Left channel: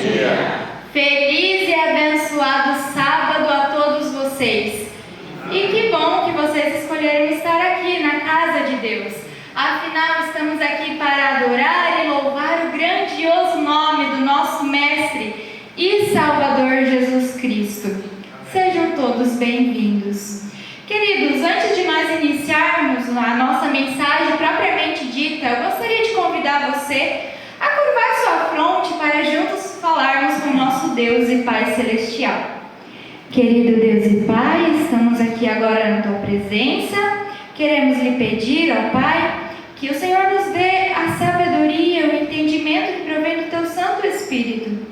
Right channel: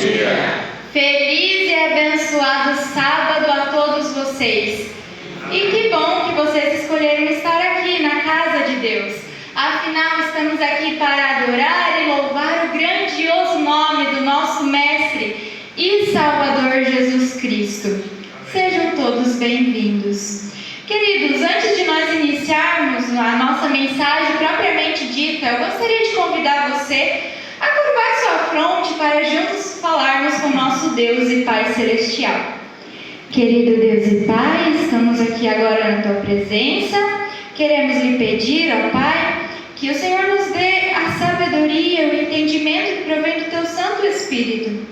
dia. Feliz e abençoado sábado a todos vocês. E que bom que vocês escolheram estar aqui na casa de Deus. Afinal, estamos aqui para adorar e louvar o grandioso nome do nosso Mestre e Salvador Jesus Cristo. Sejam todos bem-vindos. Queridos, antes de nós iniciarmos a nossa mensagem propriamente dita, eu gostaria de convidar você a curvar sua fronte para juntos falarmos com o nosso Deus e Pai Celestial. Querido Deus e Pai, estamos aqui agora na Tua presença. Queremos lhe pedir, ó Pai, que o Senhor nos dê a sabedoria e o entendimento que provém do Teu Santo Espírito,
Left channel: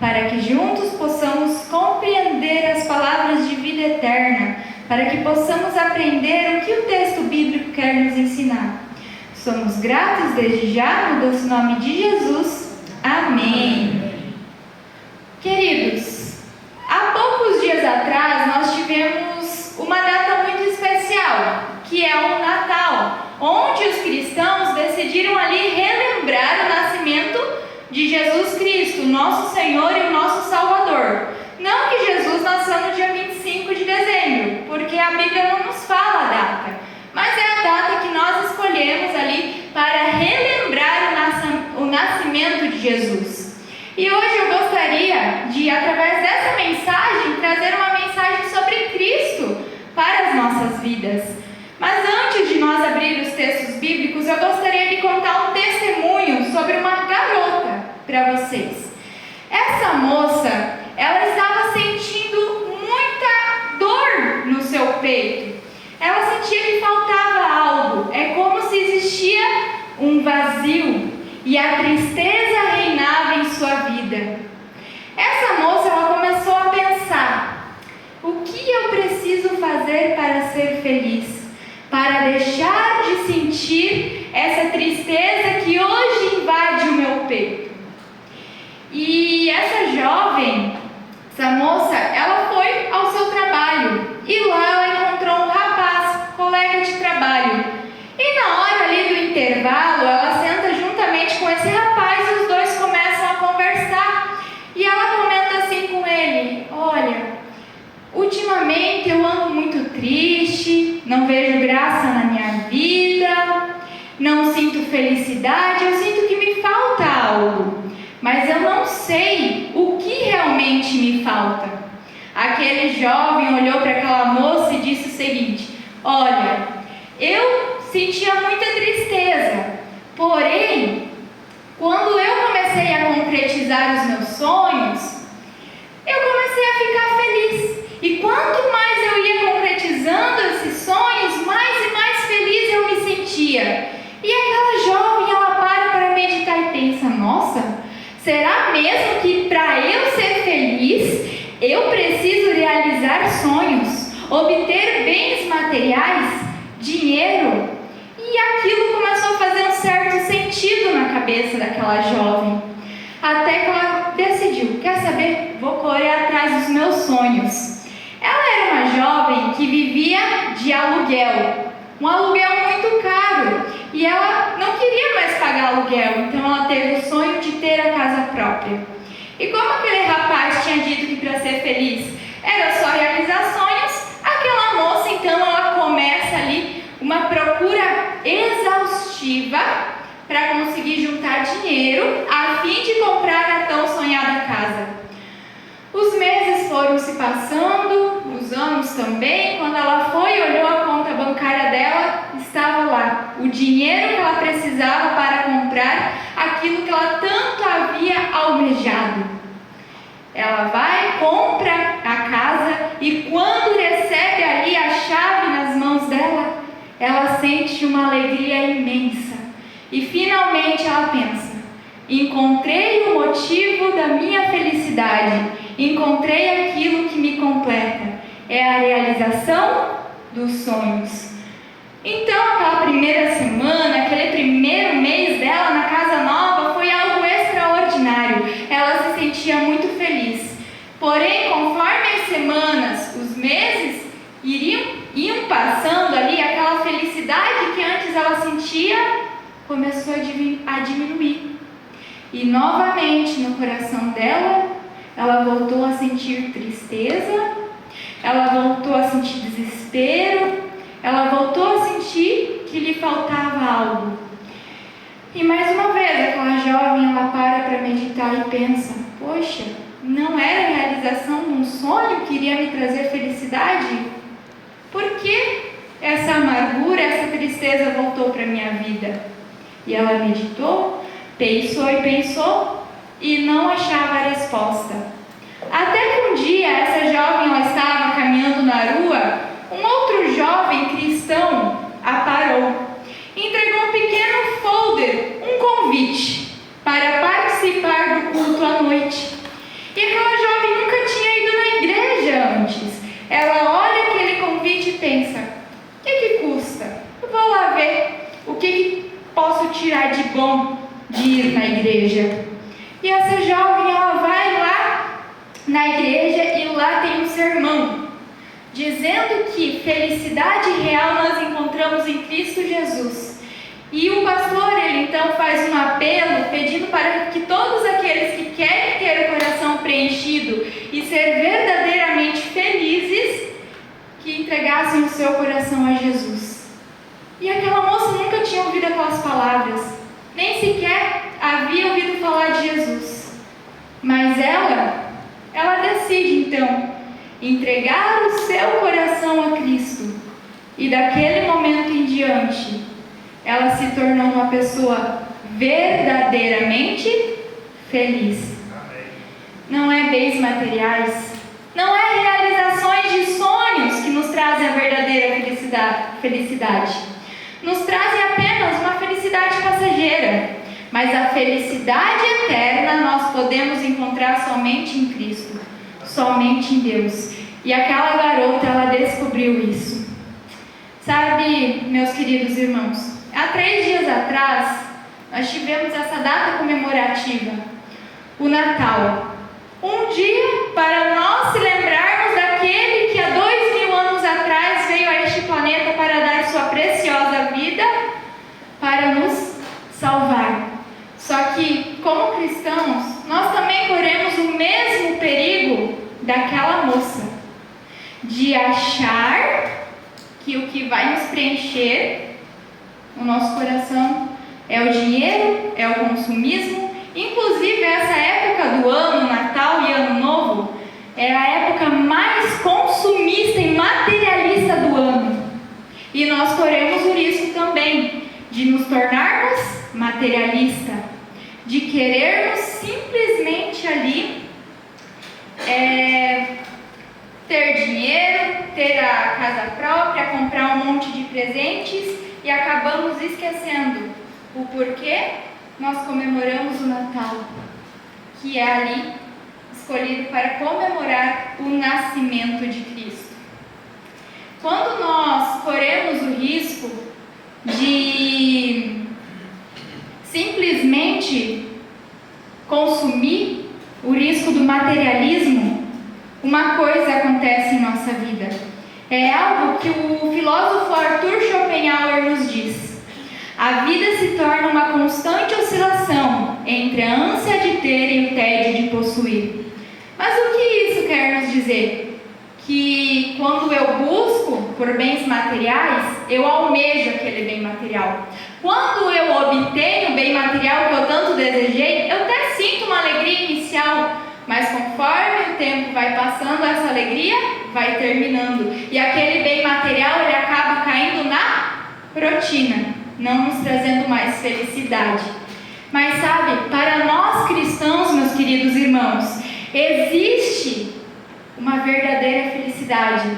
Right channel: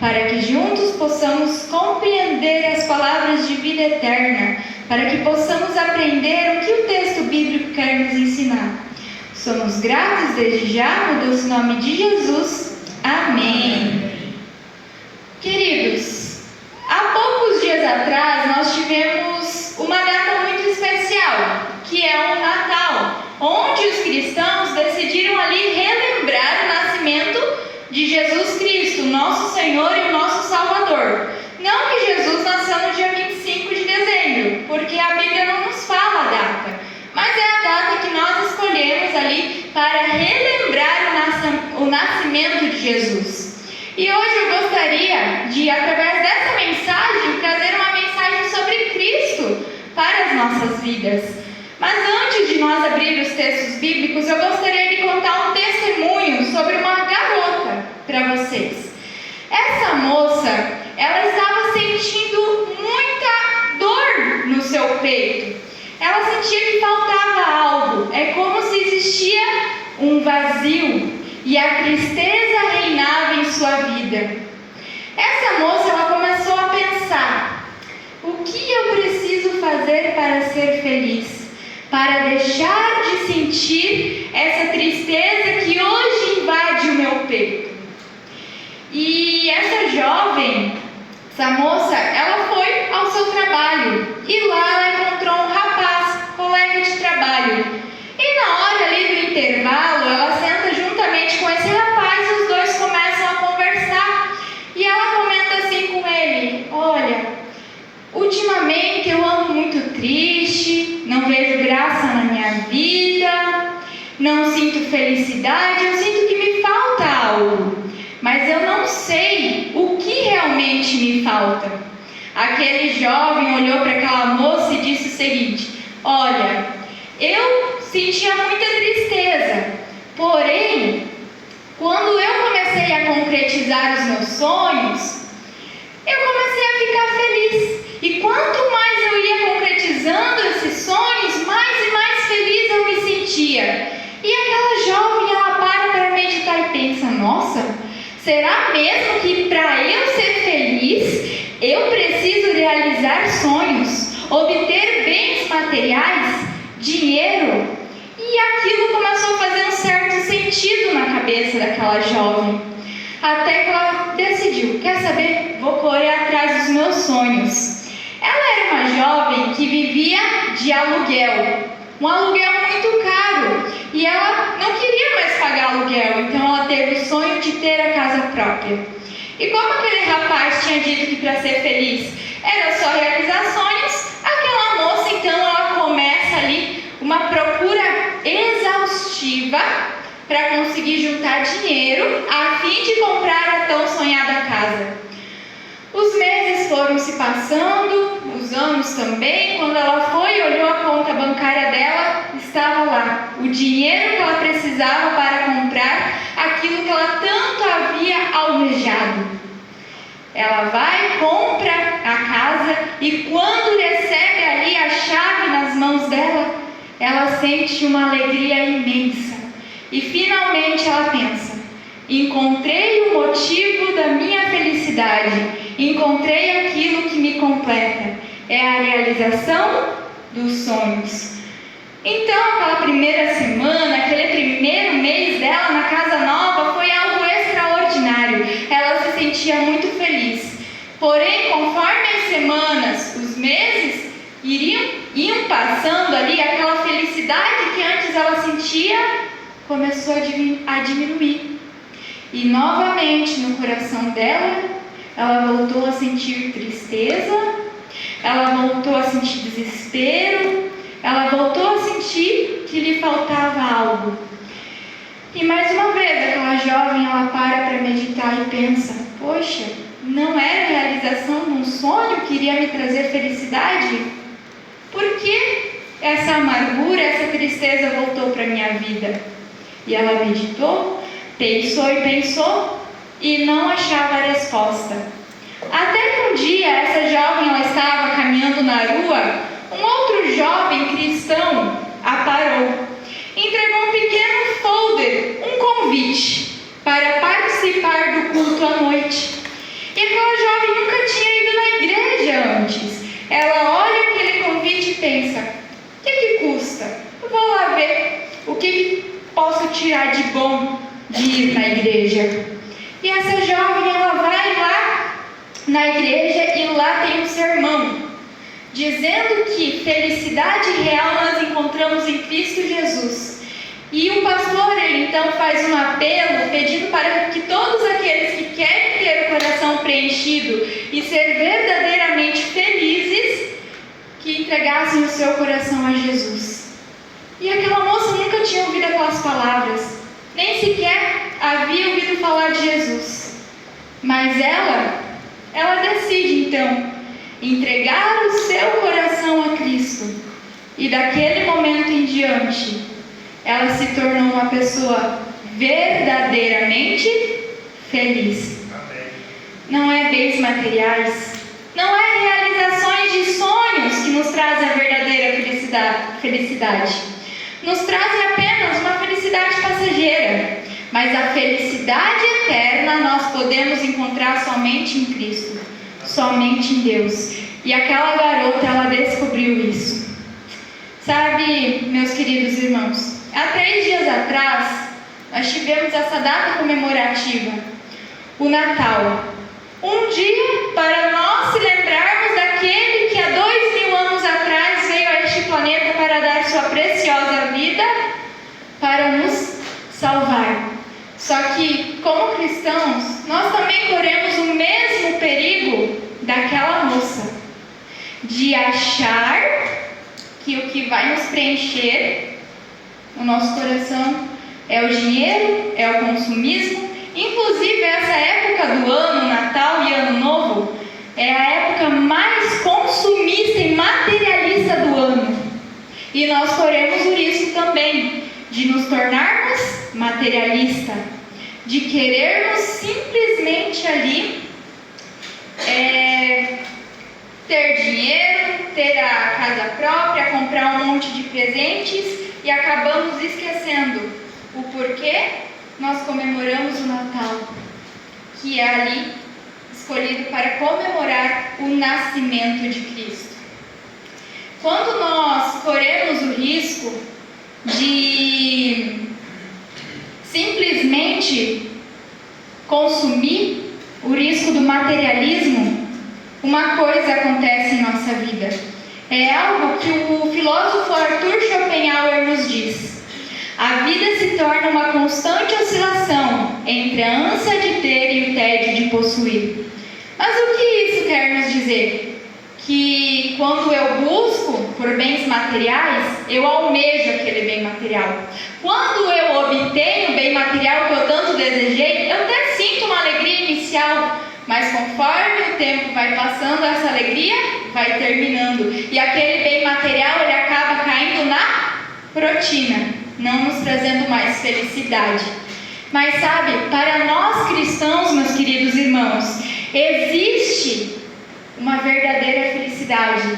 para que juntos possamos compreender as palavras de vida eterna, para que possamos aprender o que o texto bíblico quer nos ensinar. Somos gratos desde já, no doce nome de Jesus. Amém. Queridos, há poucos dias atrás nós tivemos uma data muito especial, que é o Natal, onde os cristãos decidiram ali relembrar o nascimento de Jesus Cristo, nosso Senhor e o nosso Salvador. Não que Jesus nasceu no dia 25 de dezembro, porque a Bíblia não nos fala a data, mas é a data que nós escolhemos ali para relembrar o nascimento de Jesus. E hoje eu gostaria de, através dessa mensagem, trazer uma mensagem sobre Cristo para as nossas vidas. Mas antes de nós abrir os textos bíblicos, eu gostaria de contar um testemunho sobre uma garota para vocês. Essa moça, ela estava sentindo muita dor no seu peito. Ela sentia que faltava algo. É como se existia um vazio e a tristeza reinava em sua vida. Essa moça, ela começou a pensar: o que eu preciso fazer para ser feliz? Para deixar de sentir essa tristeza que hoje invade o meu peito. E essa jovem, essa moça, ela foi ao seu trabalho e lá ela encontrou um rapaz, colega de trabalho. E na hora ali do intervalo, ela senta juntamente com esse rapaz e os dois começam a conversar. E ela comenta assim com ele: olha, ultimamente eu ando muito triste, não vejo graça na minha vida, não sinto felicidade, eu sinto que me falta algo. Mas eu não sei o que realmente me falta. Aquele jovem olhou para aquela moça e disse o seguinte: olha, eu sentia muita tristeza, porém, quando eu comecei a concretizar os meus sonhos, eu comecei a ficar feliz. E quanto mais eu ia concretizando esses sonhos, mais e mais feliz eu me sentia. E aquela jovem, ela para meditar e pensa: nossa, será mesmo que para eu ser feliz, eu preciso realizar sonhos, obter bens materiais, dinheiro? E aquilo começou a fazer um certo sentido na cabeça daquela jovem. Até que ela decidiu: quer saber? Vou correr atrás dos meus sonhos. Ela era uma jovem que vivia de aluguel, um aluguel muito caro, e ela não queria mais pagar aluguel, então ela teve o sonho de ter a casa própria. E como aquele rapaz tinha dito que para ser feliz era só realizar sonhos, aquela moça então ela começa ali uma procura exaustiva para conseguir juntar dinheiro a fim de comprar a tão sonhada casa. Os meses foram se passando, os anos também. Quando ela foi e olhou a conta bancária dela, estava lá o dinheiro que ela precisava para comprar aquilo que ela tanto havia almejado. Ela vai, compra a casa e quando recebe ali a chave nas mãos dela, ela sente uma alegria imensa. E finalmente ela pensa: encontrei o motivo da minha felicidade. Encontrei aquilo que me completa. É a realização dos sonhos. Então, aquela primeira semana, aquele primeiro mês dela na casa nova foi algo extraordinário. Ela se sentia muito feliz. Porém, conforme as semanas, os meses iam passando ali, aquela felicidade que antes ela sentia começou a diminuir. E novamente no coração dela, ela voltou a sentir tristeza, ela voltou a sentir desespero, ela voltou a sentir que lhe faltava algo. E mais uma vez, aquela jovem, ela para meditar e pensa: poxa, não era a realização de um sonho que iria me trazer felicidade? Por que essa amargura, essa tristeza voltou para a minha vida? E ela meditou, pensou e pensou e não achava a resposta. Até que um dia, essa jovem, ela estava caminhando na rua, um outro jovem cristão a parou, entregou um pequeno folder, um convite para participar do culto à noite. E aquela jovem nunca tinha ido na igreja antes. Ela olha aquele convite e pensa: o que custa? Eu vou lá ver o que posso tirar de bom de ir na igreja. E essa jovem, ela vai lá na igreja e lá tem um sermão dizendo que felicidade real nós encontramos em Cristo Jesus. E o pastor, ele então faz um apelo pedindo para que todos aqueles que querem ter o coração preenchido e ser verdadeiramente felizes, que entregassem o seu coração a Jesus. E aquela moça nunca tinha ouvido aquelas palavras, nem sequer havia ouvido falar de Jesus. Mas ela decide então entregar o seu coração a Cristo. E daquele momento em diante, ela se tornou uma pessoa verdadeiramente feliz. Amém. Não é bens materiais, não é realizações de sonhos que nos trazem a verdadeira felicidade. Nos trazem apenas uma felicidade passageira, mas a felicidade eterna nós podemos encontrar somente em Cristo, somente em Deus. E aquela garota, ela descobriu isso. Sabe, meus queridos irmãos, há 3 dias atrás, nós tivemos essa data comemorativa, o Natal. Um dia para nós se lembrarmos daquele que há 2000 anos atrás veio a este planeta para dar sua preciosa vida, para nos salvar. Só que, como cristãos, nós também corremos o mesmo perigo daquela moça, de achar que o que vai nos preencher o nosso coração é o dinheiro, é o consumismo. Inclusive, essa época do ano, Natal e Ano Novo, é a época mais consumista e materialista do ano. E nós corremos o risco também de nos tornarmos materialistas, de querermos simplesmente ali ter dinheiro, ter a casa própria, comprar um monte de presentes e acabamos esquecendo o porquê nós comemoramos o Natal, que é ali escolhido para comemorar o nascimento de Cristo. Quando nós corremos o risco de simplesmente consumir, o risco do materialismo, uma coisa acontece em nossa vida. É algo que o filósofo Arthur Schopenhauer nos diz: a vida se torna uma constante oscilação entre a ânsia de ter e o tédio de possuir. Mas o que isso quer nos dizer? Que quando eu busco por bens materiais, eu almejo aquele bem material. Quando eu obtenho o bem material que eu tanto desejei, eu até sinto uma alegria inicial, mas conforme o tempo vai passando, essa alegria vai terminando. E aquele bem material, ele acaba caindo na rotina, não nos trazendo mais felicidade. Mas sabe, para nós cristãos, meus queridos irmãos, existe uma verdadeira felicidade.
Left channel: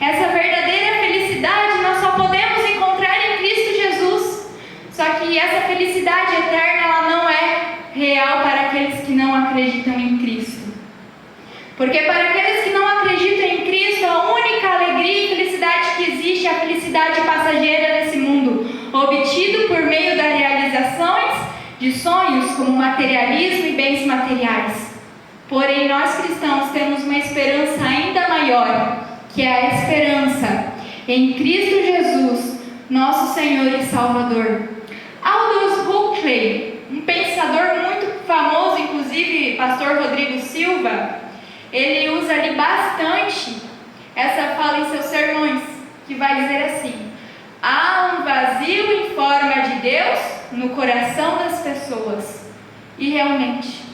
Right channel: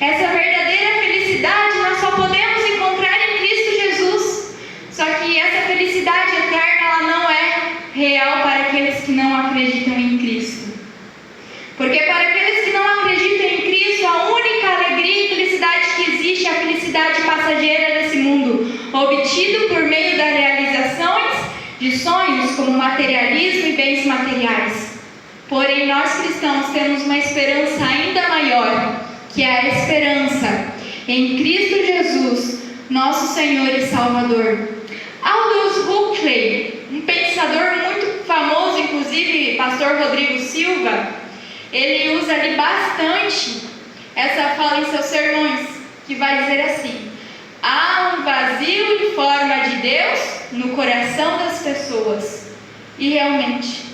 Essa verdadeira felicidade nós só podemos encontrar em Cristo Jesus. Só que essa felicidade eterna, ela não é real para aqueles que não acreditam em Cristo. Porque para aqueles que não acreditam em Cristo, a única alegria e felicidade que existe é a felicidade passageira desse mundo, obtido por meio das realizações de sonhos como materialismo e bens materiais. Porém, nós cristãos temos uma esperança ainda maior, que é a esperança em Cristo Jesus, nosso Senhor e Salvador. Aldous Huxley, um pensador muito famoso pastor Rodrigo Silva, ele usa ali bastante essa fala em seus sermões, que vai dizer assim: há um vazio em forma de Deus no coração das pessoas. E realmente,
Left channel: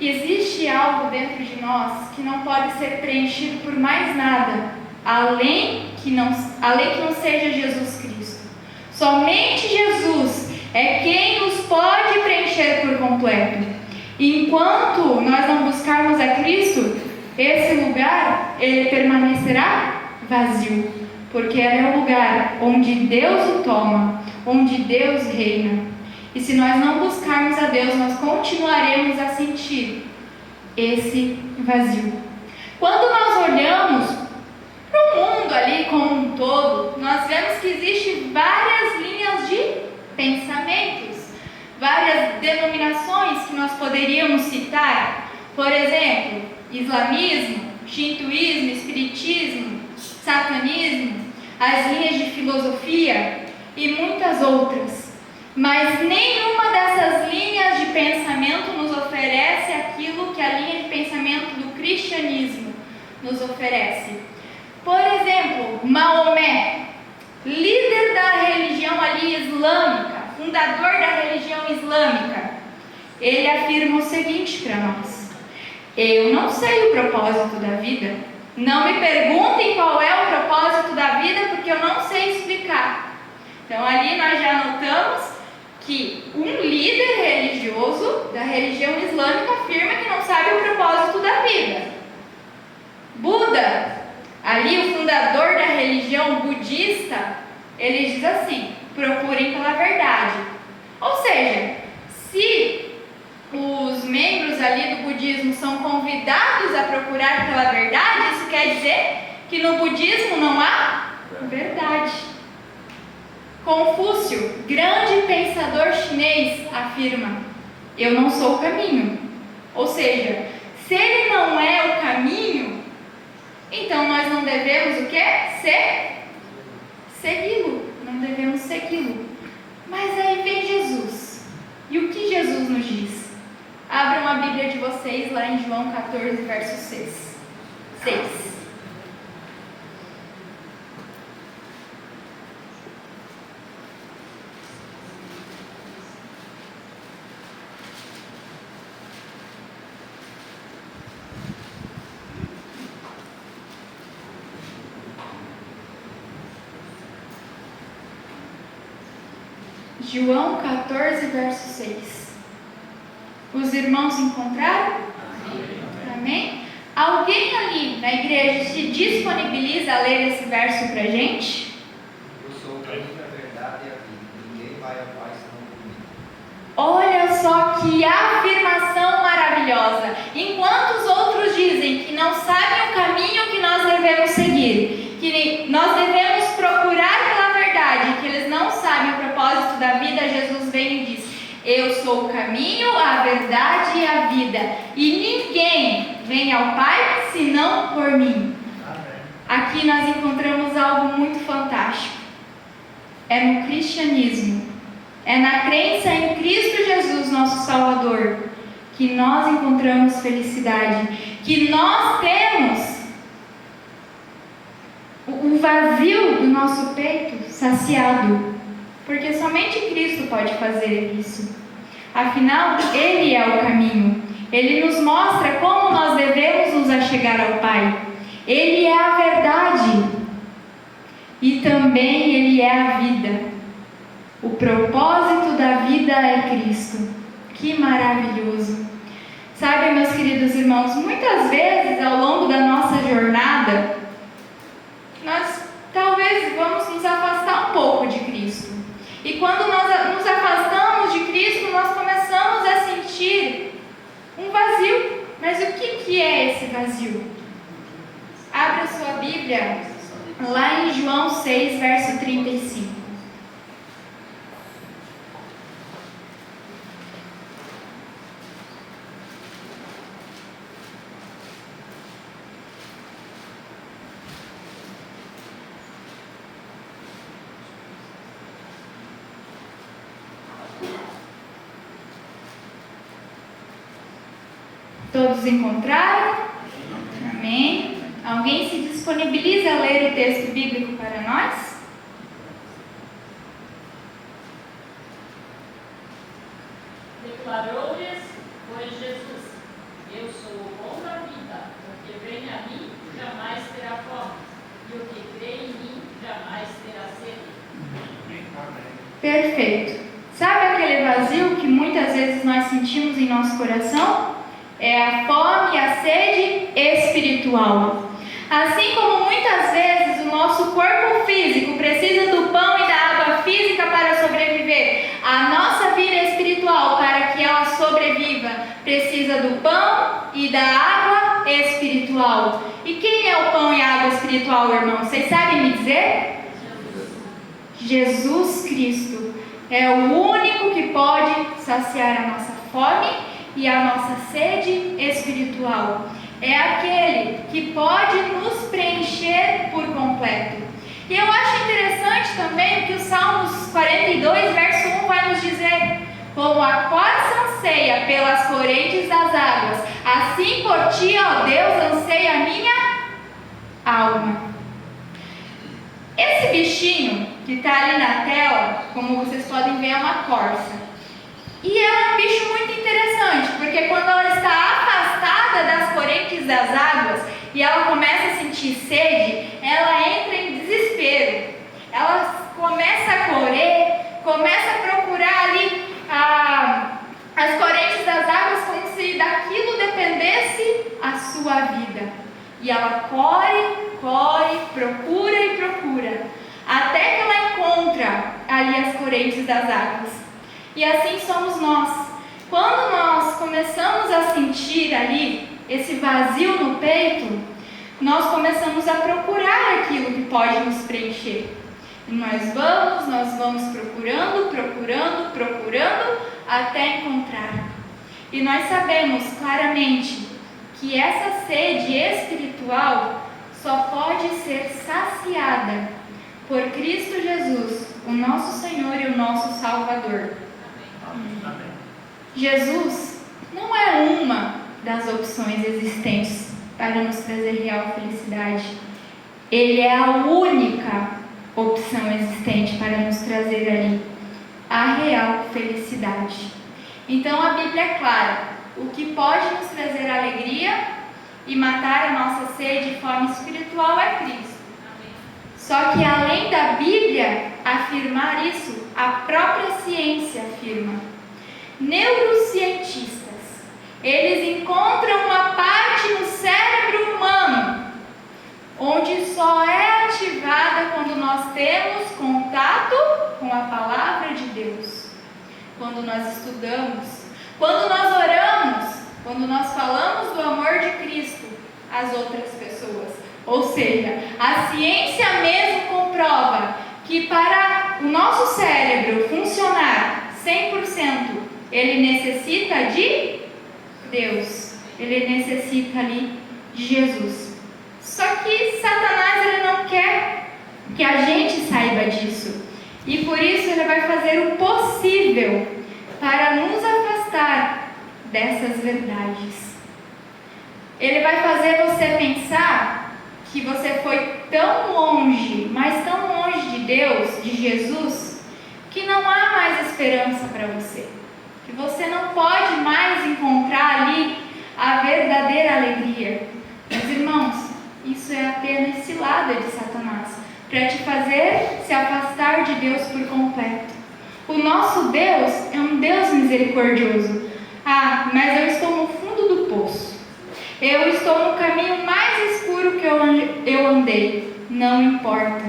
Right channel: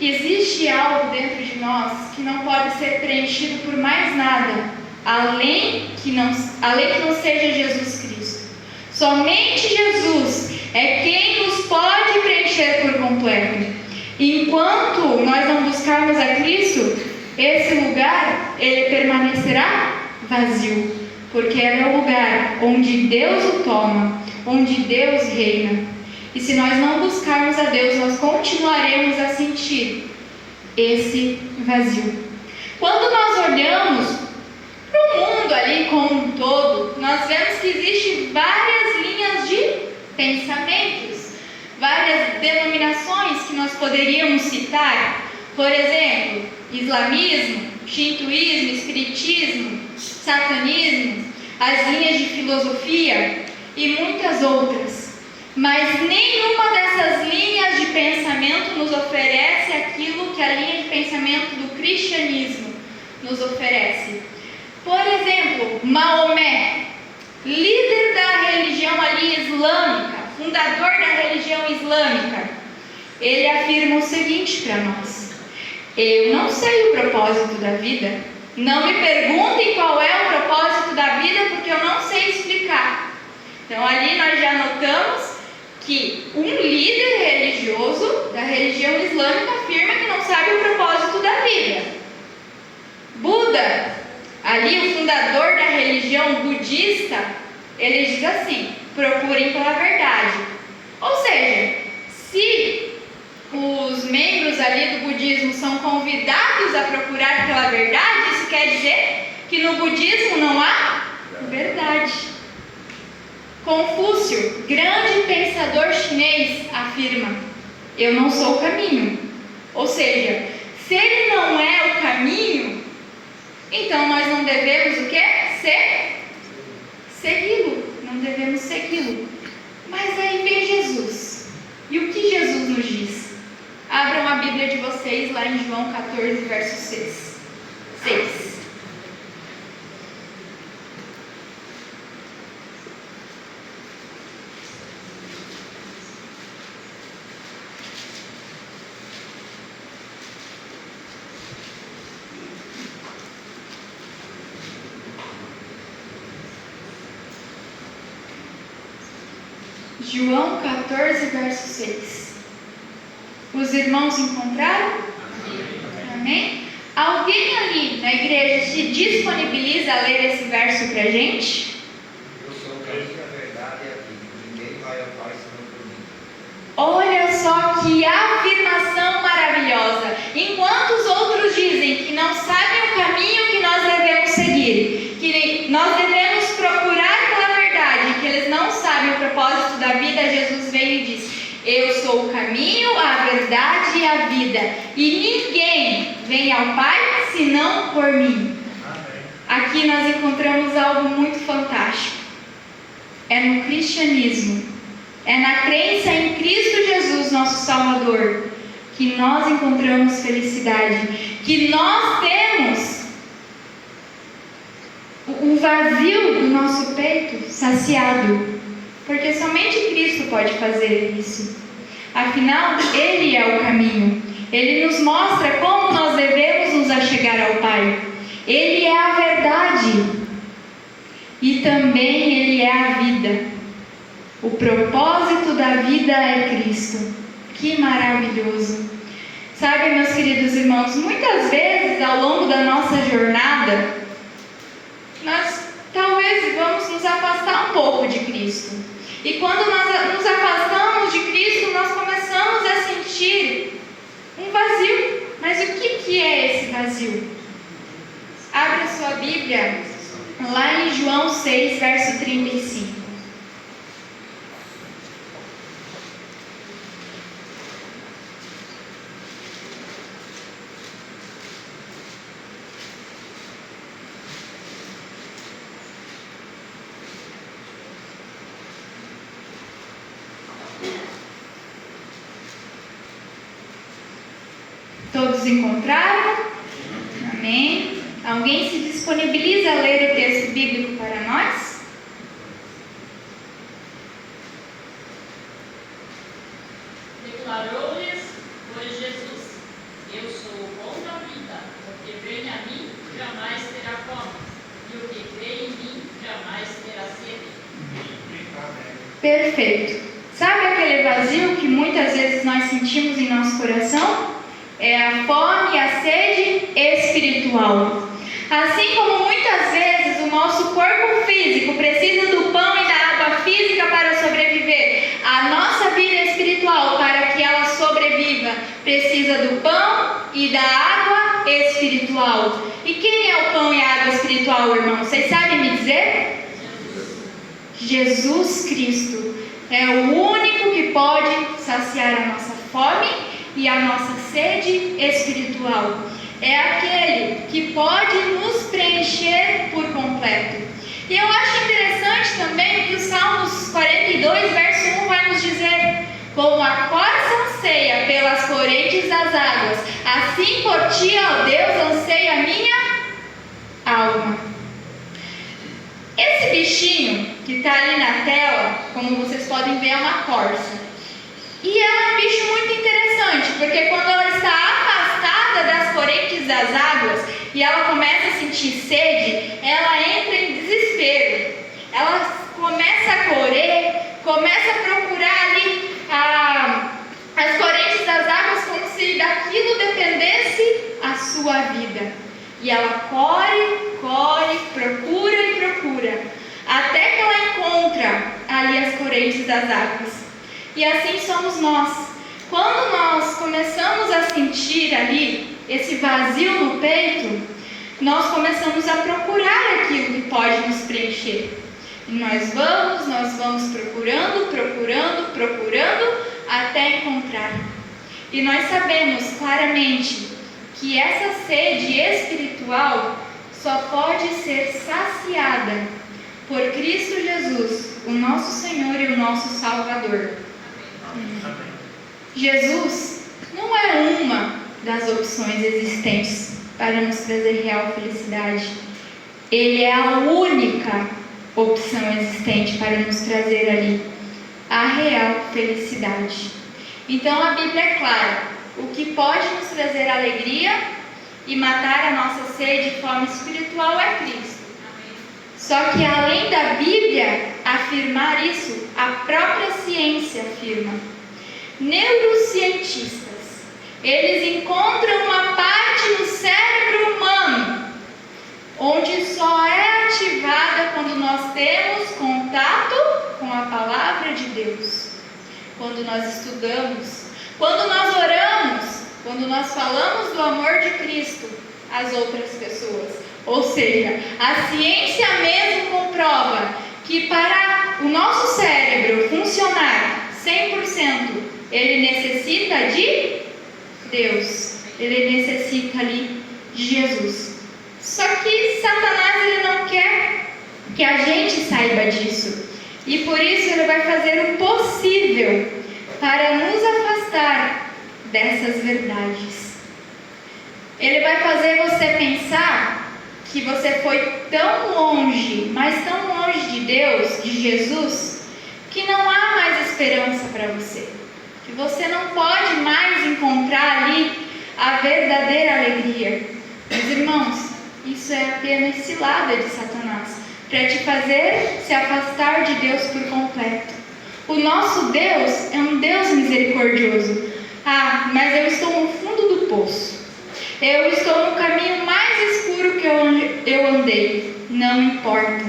existe algo dentro de nós que não pode ser preenchido por mais nada, além que não seja Jesus Cristo. Somente Jesus é quem nos pode preencher por completo. E enquanto nós não buscarmos a Cristo, esse lugar, ele permanecerá vazio, porque é o lugar onde Deus o toma, onde Deus reina. E se nós não buscarmos a Deus, nós continuaremos a sentir esse vazio. Quando nós olhamos para o mundo ali como um todo, nós vemos que existem várias linhas de pensamentos, várias denominações que nós poderíamos citar. Por exemplo, islamismo, shintoísmo, espiritismo, satanismo, as linhas de filosofia e muitas outras. Mas nenhuma dessas linhas de pensamento nos oferece aquilo que a linha de pensamento do cristianismo nos oferece. Por exemplo, Maomé, líder da religião ali islâmica, fundador da religião islâmica, ele afirma o seguinte para nós: eu não sei o propósito da vida. Não me perguntem qual é o propósito da vida, porque eu não sei explicar. Então ali nós já notamos que um líder religioso da religião islâmica afirma que não sabe o propósito da vida. Buda, ali o fundador da religião budista, ele diz assim: procurem pela verdade. Ou seja, se os membros ali do budismo são convidados a procurar pela verdade, isso quer dizer que no budismo não há verdade. Confúcio, grande pensador chinês, afirma: eu não sou o caminho. Ou seja, se ele não é o caminho, então nós não devemos o quê? Segui-lo. Não devemos segui-lo. Mas aí vem Jesus. E o que Jesus nos diz? Abram a Bíblia de vocês lá em João 14, verso 6. João 14, verso 6. Os irmãos encontraram? Amém? Alguém ali na igreja se disponibiliza a ler esse verso para a gente? Eu sou o caminho, a verdade e a vida. Ninguém vai ao Pai senão por mim. Olha só que afirmação maravilhosa. Enquanto os outros dizem que não sabem o caminho que nós devemos seguir, que nós devemos procurar pela verdade, que eles não sabem o propósito da vida, Jesus vem e diz: eu sou o caminho, a verdade e a vida, e ninguém vem ao Pai senão por mim. Amém. Aqui nós encontramos algo muito fantástico. É no cristianismo, é na crença em Cristo Jesus, nosso Salvador, que nós encontramos felicidade, que nós temos o vazio do nosso peito saciado, porque somente Cristo pode fazer isso. Afinal, Ele é o caminho. Ele nos mostra como nós devemos nos achegar ao Pai. Ele é a verdade e também Ele é a vida. O propósito da vida é Cristo. Que maravilhoso! Sabe, meus queridos irmãos, muitas vezes ao longo da nossa jornada, nós talvez vamos nos afastar um pouco de Cristo. E quando nós nos afastamos de Cristo, nós começamos a sentir um vazio. Mas o que é esse vazio? Abra a sua Bíblia lá em João 6, verso 35. Todos encontraram? Amém. Alguém se disponibiliza a ler o texto bíblico para nós? Declarou-lhes, pois, Jesus: Eu sou o pão da vida, o que vem a mim jamais terá fome, e o que crê em mim jamais terá sede. Perfeito. Sabe aquele vazio que muitas vezes nós sentimos em nosso coração? É a fome e a sede espiritual. Assim como muitas vezes o nosso corpo físico precisa do pão e da água física para sobreviver, a nossa vida espiritual, para que ela sobreviva, precisa do pão e da água espiritual. E quem é o pão e a água espiritual, irmão? Vocês sabem me dizer? Jesus Cristo é o único que pode saciar a nossa fome e a nossa sede espiritual. É aquele que pode nos preencher por completo. E eu acho interessante também o que o Salmos 42, verso 1 vai nos dizer: como a corça anseia pelas correntes das águas, assim por ti, ó Deus, anseia a minha alma. Esse bichinho que está ali na tela, como vocês podem ver, é uma corça. E é um bicho muito interessante, porque quando ela está afastada das correntes das águas e ela começa a sentir sede, ela entra em desespero. Ela começa a correr, começa a procurar ali as correntes das águas como se daquilo dependesse a sua vida. E ela corre, procura e procura, até que ela encontra ali as correntes das águas. E assim somos nós. Quando nós começamos a sentir ali esse vazio no peito, nós começamos a procurar aquilo que pode nos preencher. E nós vamos procurando, até encontrar. E nós sabemos claramente que essa sede espiritual só pode ser saciada por Cristo Jesus, o nosso Senhor e o nosso Salvador. Amém. Jesus não é uma das opções existentes para nos trazer real felicidade. Ele é a única opção existente para nos trazer ali a real felicidade. Então a Bíblia é clara: o que pode nos trazer alegria e matar a nossa sede e fome espiritual é Cristo. Só que além da Bíblia afirmar isso, a própria ciência afirma. Neurocientistas, eles encontram uma parte no cérebro humano onde só é ativada quando nós temos contato com a palavra de Deus, quando nós estudamos, quando nós oramos, quando nós falamos do amor de Cristo às outras pessoas. Ou seja, a ciência mesmo comprova que para o nosso cérebro funcionar 100%, ele necessita de Deus, ele necessita ali de Jesus. Só que Satanás, ele não quer que a gente saiba disso, e por isso ele vai fazer o possível para nos afastar dessas verdades. Ele vai fazer você pensar que você foi tão longe, mas tão longe de Deus, de Jesus, que não há mais esperança para você, que você não pode mais encontrar ali a verdadeira alegria. Mas, irmãos, isso é apenas cilada de Satanás, para te fazer se afastar de Deus por completo. O nosso Deus é um Deus misericordioso. Ah, mas eu estou no fundo do poço. Eu estou no caminho mais escuro que eu andei. Não importa.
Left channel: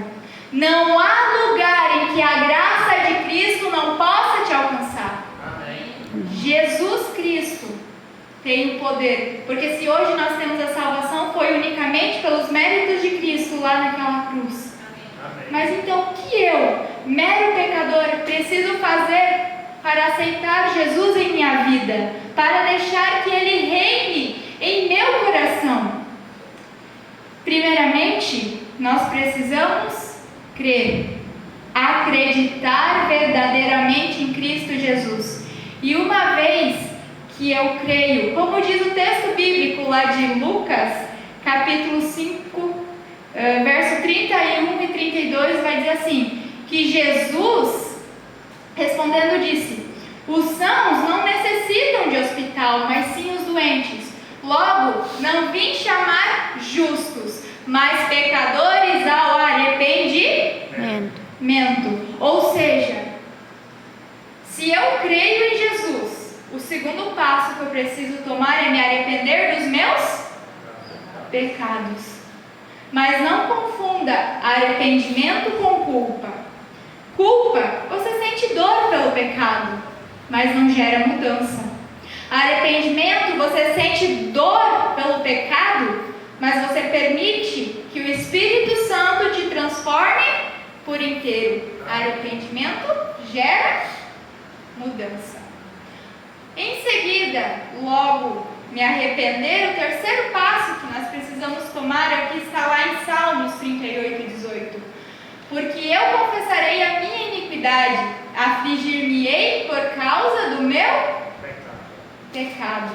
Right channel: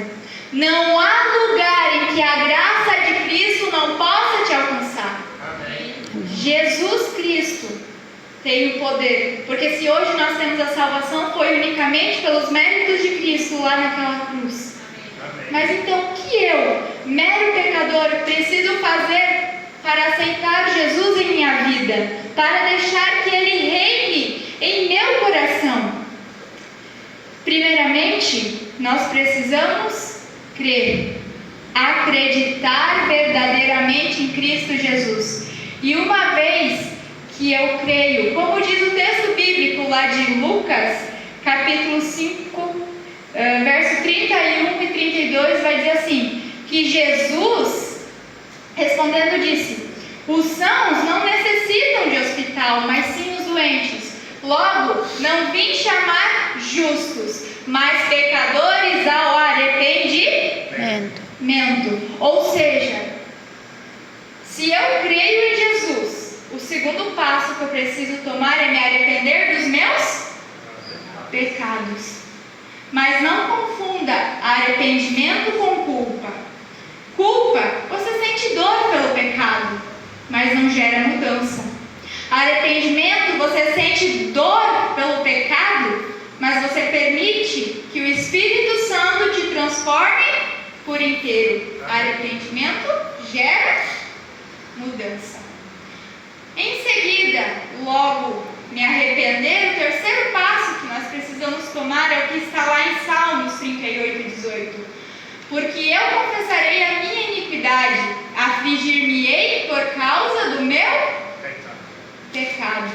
Não há lugar em que a graça de Cristo não possa te alcançar. Amém. Jesus Cristo tem o poder. Porque se hoje nós temos a salvação, foi unicamente pelos méritos de Cristo lá naquela cruz. Amém. Mas então o que eu, mero pecador, preciso fazer para aceitar Jesus em minha vida? Para deixar que Ele reine em meu coração? Primeiramente, nós precisamos crer, acreditar verdadeiramente em Cristo Jesus. E uma vez que eu creio, como diz o texto de Lucas, capítulo 5, verso 31 e 32, vai dizer assim, que Jesus, respondendo, disse: os sãos não necessitam de hospital, mas sim os doentes. Logo, não vim chamar justos, mas pecadores ao arrependimento. Ou seja, se eu creio em Jesus, o segundo passo que eu preciso tomar é me arrepender dos meus pecados. Mas não confunda arrependimento com culpa. Culpa, você sente dor pelo pecado, mas não gera mudança. Arrependimento, você sente dor pelo pecado, mas você permite que o Espírito Santo te transforme por inteiro. Arrependimento gera mudança. Em seguida, logo me arrepender, o terceiro passo que nós precisamos tomar é o que está lá em Salmos 38 e 18. Porque eu confessarei a minha iniquidade, afligir-me-ei por causa do meu pecado.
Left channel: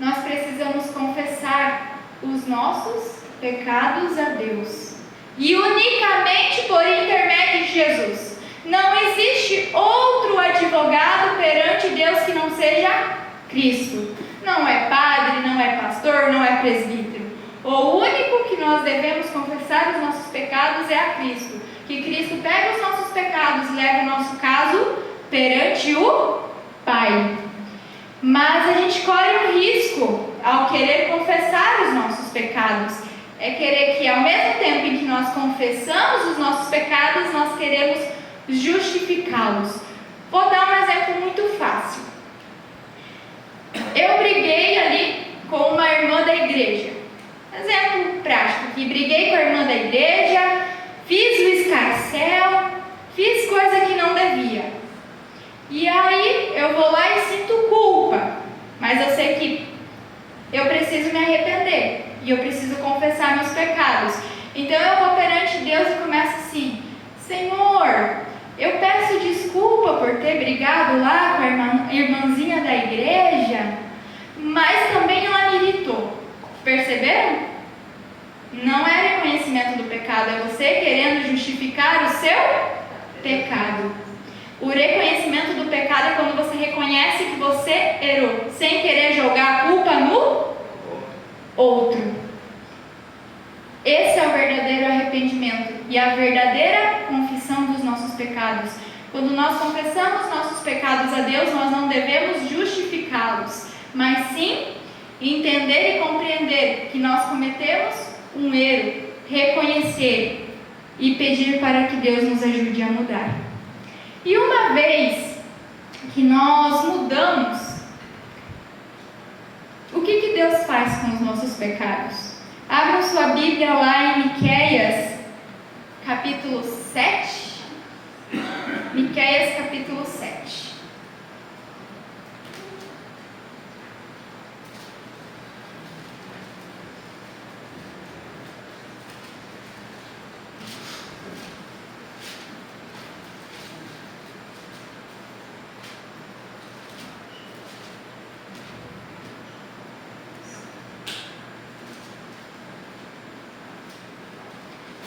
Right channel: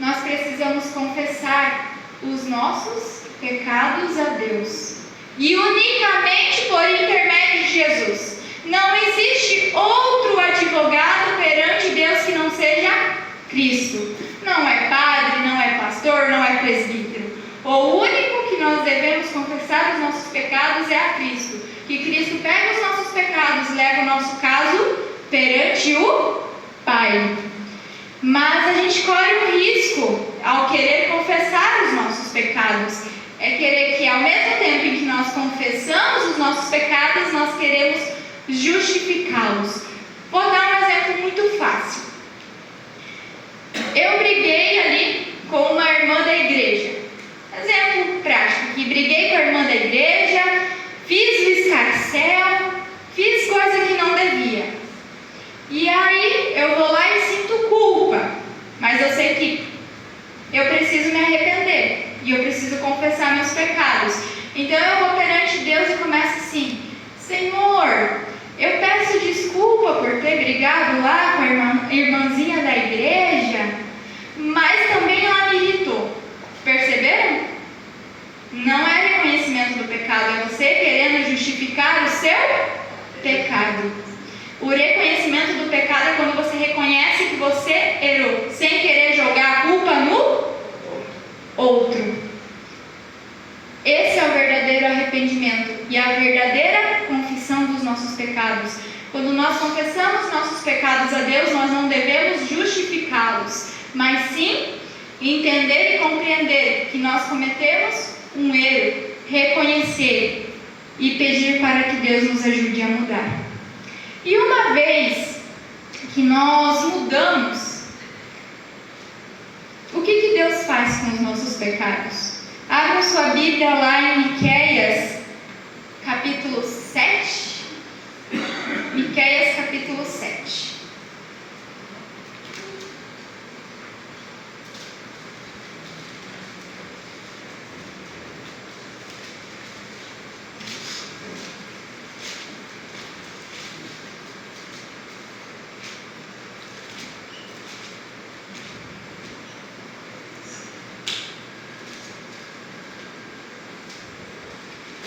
Nós precisamos confessar os nossos pecados a Deus. E unicamente por intermédio de Jesus. Não existe outro advogado perante Deus que não seja Cristo. Não é padre, não é pastor, não é presbítero. O único que nós devemos confessar os nossos pecados é a Cristo. Que Cristo pega os nossos pecados e leva o nosso caso perante o Pai. Mas a gente corre um risco ao querer confessar os nossos pecados. É querer que ao mesmo tempo em que nós confessamos os nossos pecados, nós queremos justificá-los. Vou dar um exemplo muito fácil. Eu briguei ali com uma irmã da igreja. Exemplo prático, que briguei com a irmã da igreja, fiz o escarcéu, fiz coisa que não devia. E aí eu vou lá e sinto culpa, mas eu sei que eu preciso me arrepender e eu preciso confessar meus pecados. Então eu vou perante Deus e começo assim: Senhor, eu peço desculpa por ter brigado lá com a irmãzinha da igreja, mas também ela me irritou. Perceberam? Não é reconhecimento do pecado, é você querendo justificar o seu pecado. O reconhecimento do pecado é quando você reconhece que você errou, sem querer jogar a culpa no outro. Esse é o verdadeiro arrependimento e a verdadeira confissão dos nossos pecados. Quando nós confessamos nossos pecados a Deus, nós não devemos justificá-los, mas sim entender e compreender que nós cometemos um erro, reconhecer e pedir para que Deus nos ajude a mudar. E uma vez que nós mudamos, o que Deus faz com os nossos pecados? Abra sua Bíblia lá em Miqueias, capítulo 7. Miqueias, capítulo 7.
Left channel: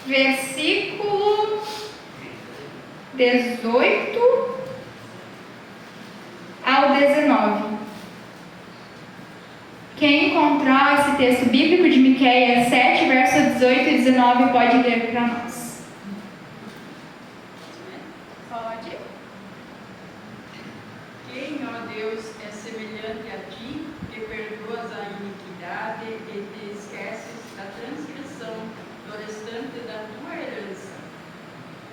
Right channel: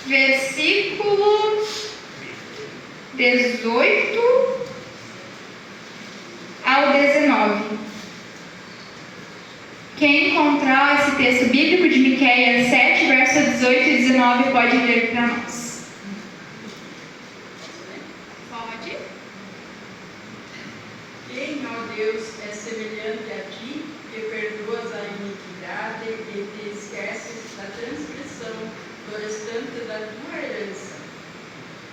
Versículo 18 ao 19. Quem encontrar esse texto bíblico de Miqueias 7, verso 18 e 19, pode ler para nós. Pode. Quem, ó Deus, é semelhante a ti, que perdoas a iniquidade e te esqueces da transgressão do restante da tua herança?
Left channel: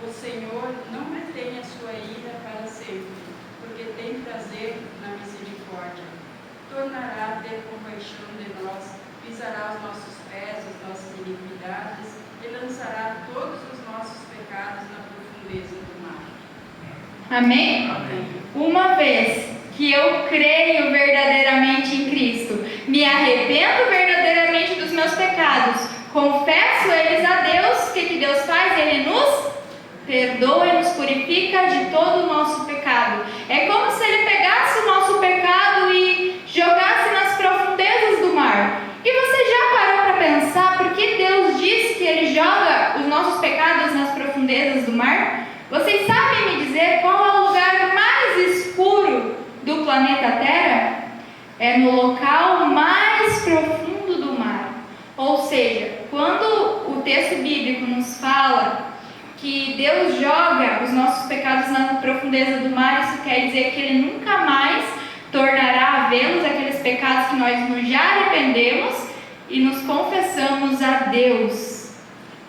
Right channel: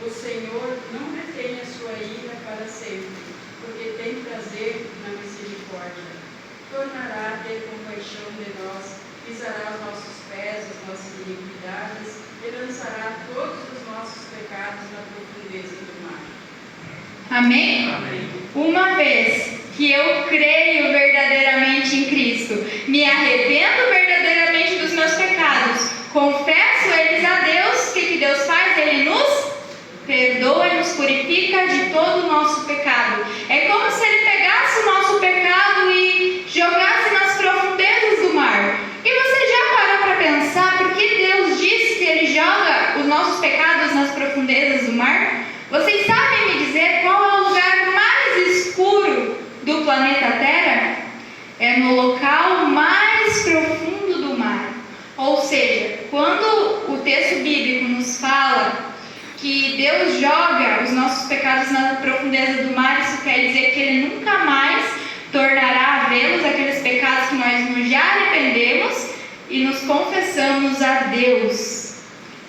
O Senhor não retém a sua ira para sempre, porque tem prazer na misericórdia. Tornará a ter compaixão de nós, pisará os nossos pés, as nossas iniquidades, e lançará todos os nossos pecados na profundeza do mar. Amém? Amém. Uma vez que eu creio verdadeiramente em Cristo, me arrependo verdadeiramente dos meus pecados, confesso eles a Deus, o que Deus faz? Ele nos perdoa e nos purifica de todo o nosso pecado. É como se Ele pegasse o nosso pecado e jogasse nas profundezas profundezas do mar? Vocês sabem me dizer qual é o lugar mais escuro do planeta Terra? É no local mais profundo do mar. Ou seja, quando o texto bíblico nos fala que Deus joga os nossos pecados na profundeza do mar, isso quer dizer que Ele nunca mais tornará a vê-los, aqueles pecados que nós nos já arrependemos e nos confessamos a Deus.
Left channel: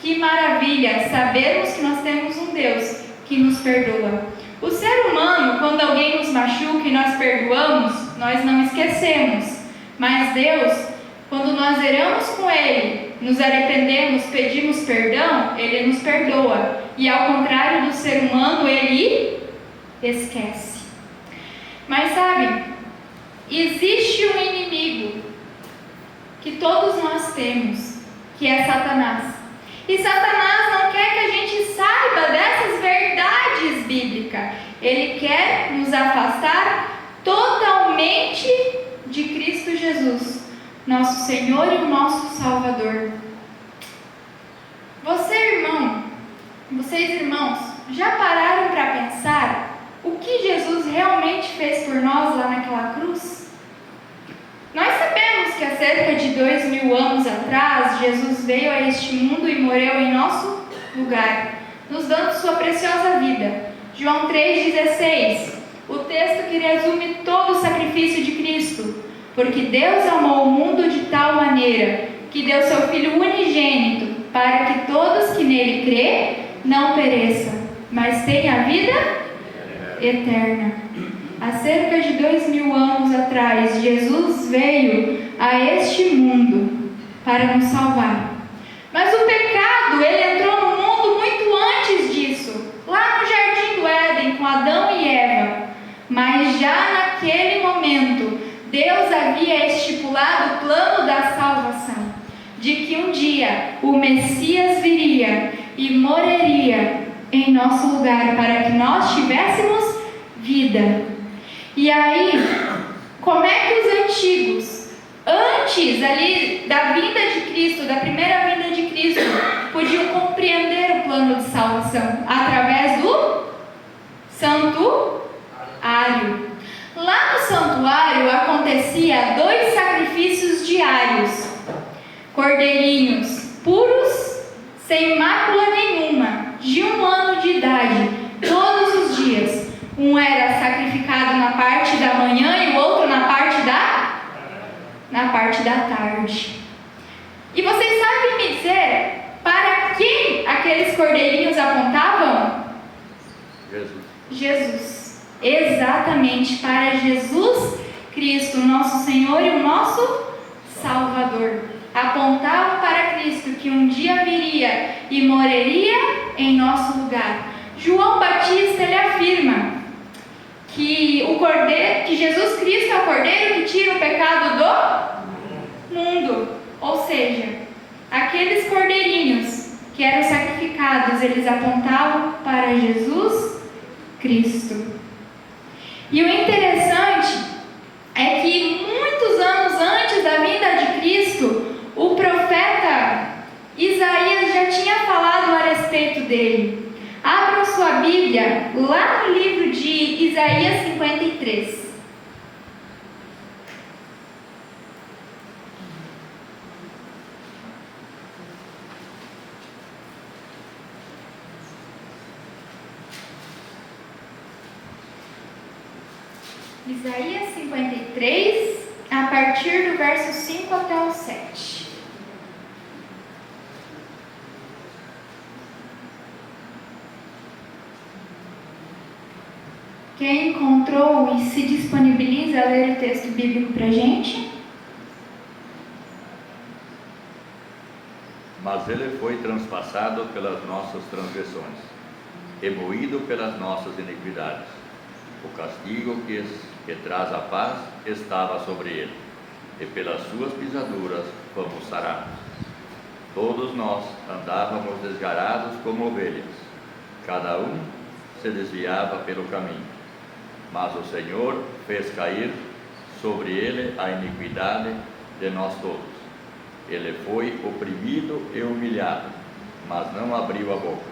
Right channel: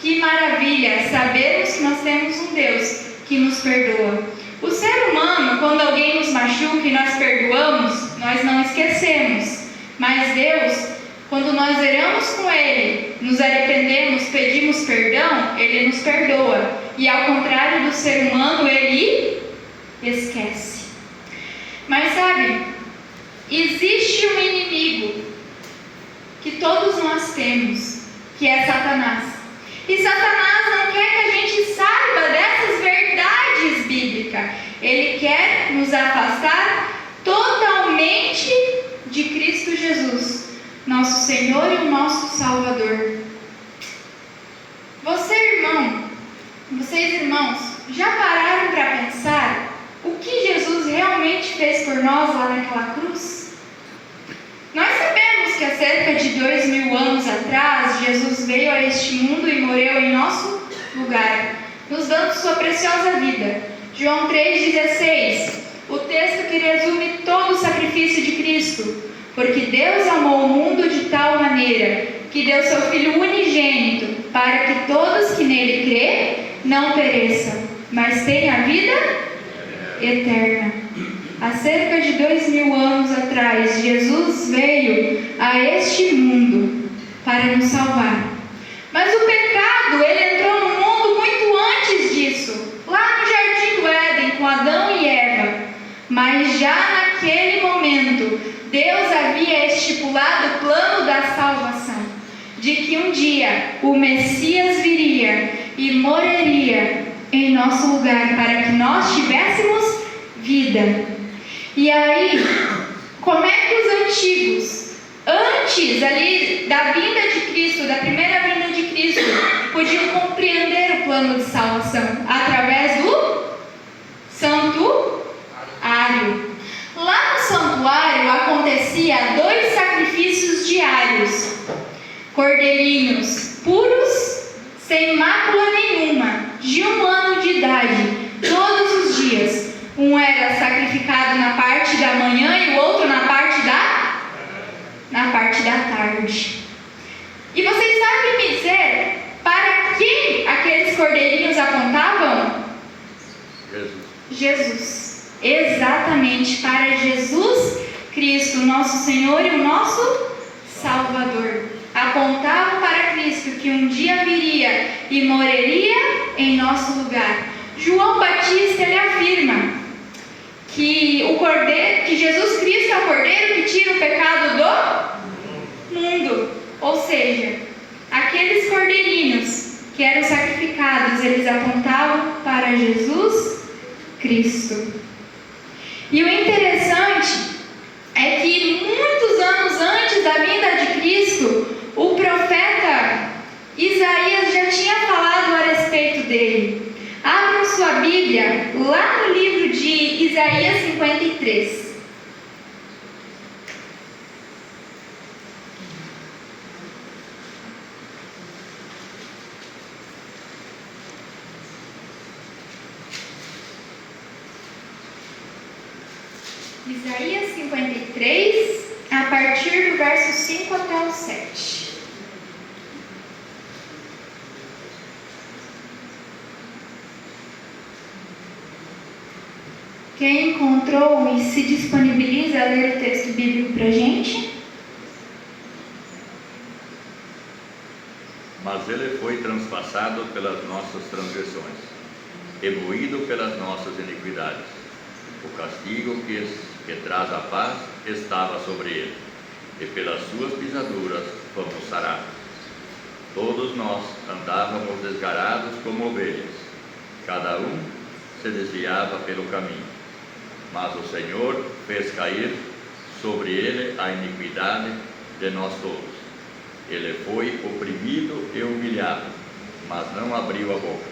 Que maravilha sabermos que nós temos um Deus que nos perdoa. O ser humano, quando alguém nos machuca e nós perdoamos, nós não esquecemos. Mas Deus, quando nós erramos com Ele, nos arrependemos, pedimos perdão, Ele nos perdoa. E ao contrário do ser humano, Ele esquece. Mas sabe, existe um inimigo que todos nós temos, que é Satanás. E Satanás não quer que a gente saiba dessas verdades bíblicas. Ele quer nos afastar totalmente de Cristo Jesus, nosso Senhor e o nosso Salvador. Vocês irmãos, já pararam para pensar o que Jesus realmente fez por nós lá naquela cruz? Nós sabemos que há cerca de 2000 anos atrás, Jesus veio a este mundo e morreu em nosso lugar, nos dando sua preciosa vida. João 3,16, o texto que resume todo o sacrifício de Cristo. Porque Deus amou o mundo de tal maneira que deu seu Filho unigênito, para que todos que nele crê não pereçam, mas tenham a vida eterna. Há cerca de 2000 anos atrás, Jesus veio a este mundo para nos salvar. Mas o pecado, ele entrou no mundo muito antes disso, lá no Jardim do Éden, com Adão e Eva. Mas já naquele momento, Deus havia estipulado o plano da salvação, de que um dia o Messias viria e morreria em nosso lugar, para que nós tivéssemos vida. E aí, como é que os antigos, antes ali da vinda de Cristo, da primeira vinda de Cristo, podiam compreender o plano de salvação? Através do santuário. Lá no santuário acontecia 2 sacrifícios diários, cordeirinhos puros, sem mácula nenhuma, de 1 ano de idade, todos os dias. Um era sacrificado na parte da manhã e o outro na parte da tarde. E vocês sabem me dizer para quem aqueles cordeirinhos apontavam? Jesus. Exatamente, para Jesus Cristo, nosso Senhor e o nosso Salvador. Apontavam para Cristo, que um dia viria e morreria em nosso lugar. João Batista, ele afirma que Jesus Cristo é o Cordeiro que tira o pecado do mundo. Ou seja, aqueles cordeirinhos que eram sacrificados, eles apontavam para Jesus Cristo. E o interessante é que muitos anos antes da vinda de Cristo, o profeta Isaías já tinha falado a respeito dele. Abra sua Bíblia lá no livro de Isaías 53. Isaías 53, a partir do verso 5 até o 7. Quem encontrou e se disponibiliza a ler o texto bíblico para a gente? Mas ele foi transpassado pelas nossas transgressões, e moído pelas nossas iniquidades. O castigo que traz a paz estava sobre ele, e pelas suas pisaduras fomos sarados. Todos nós andávamos desgarados como ovelhas, cada um se desviava pelo caminho. Mas o Senhor fez cair sobre ele a iniquidade de nós todos. Ele foi oprimido e humilhado, mas não abriu a boca.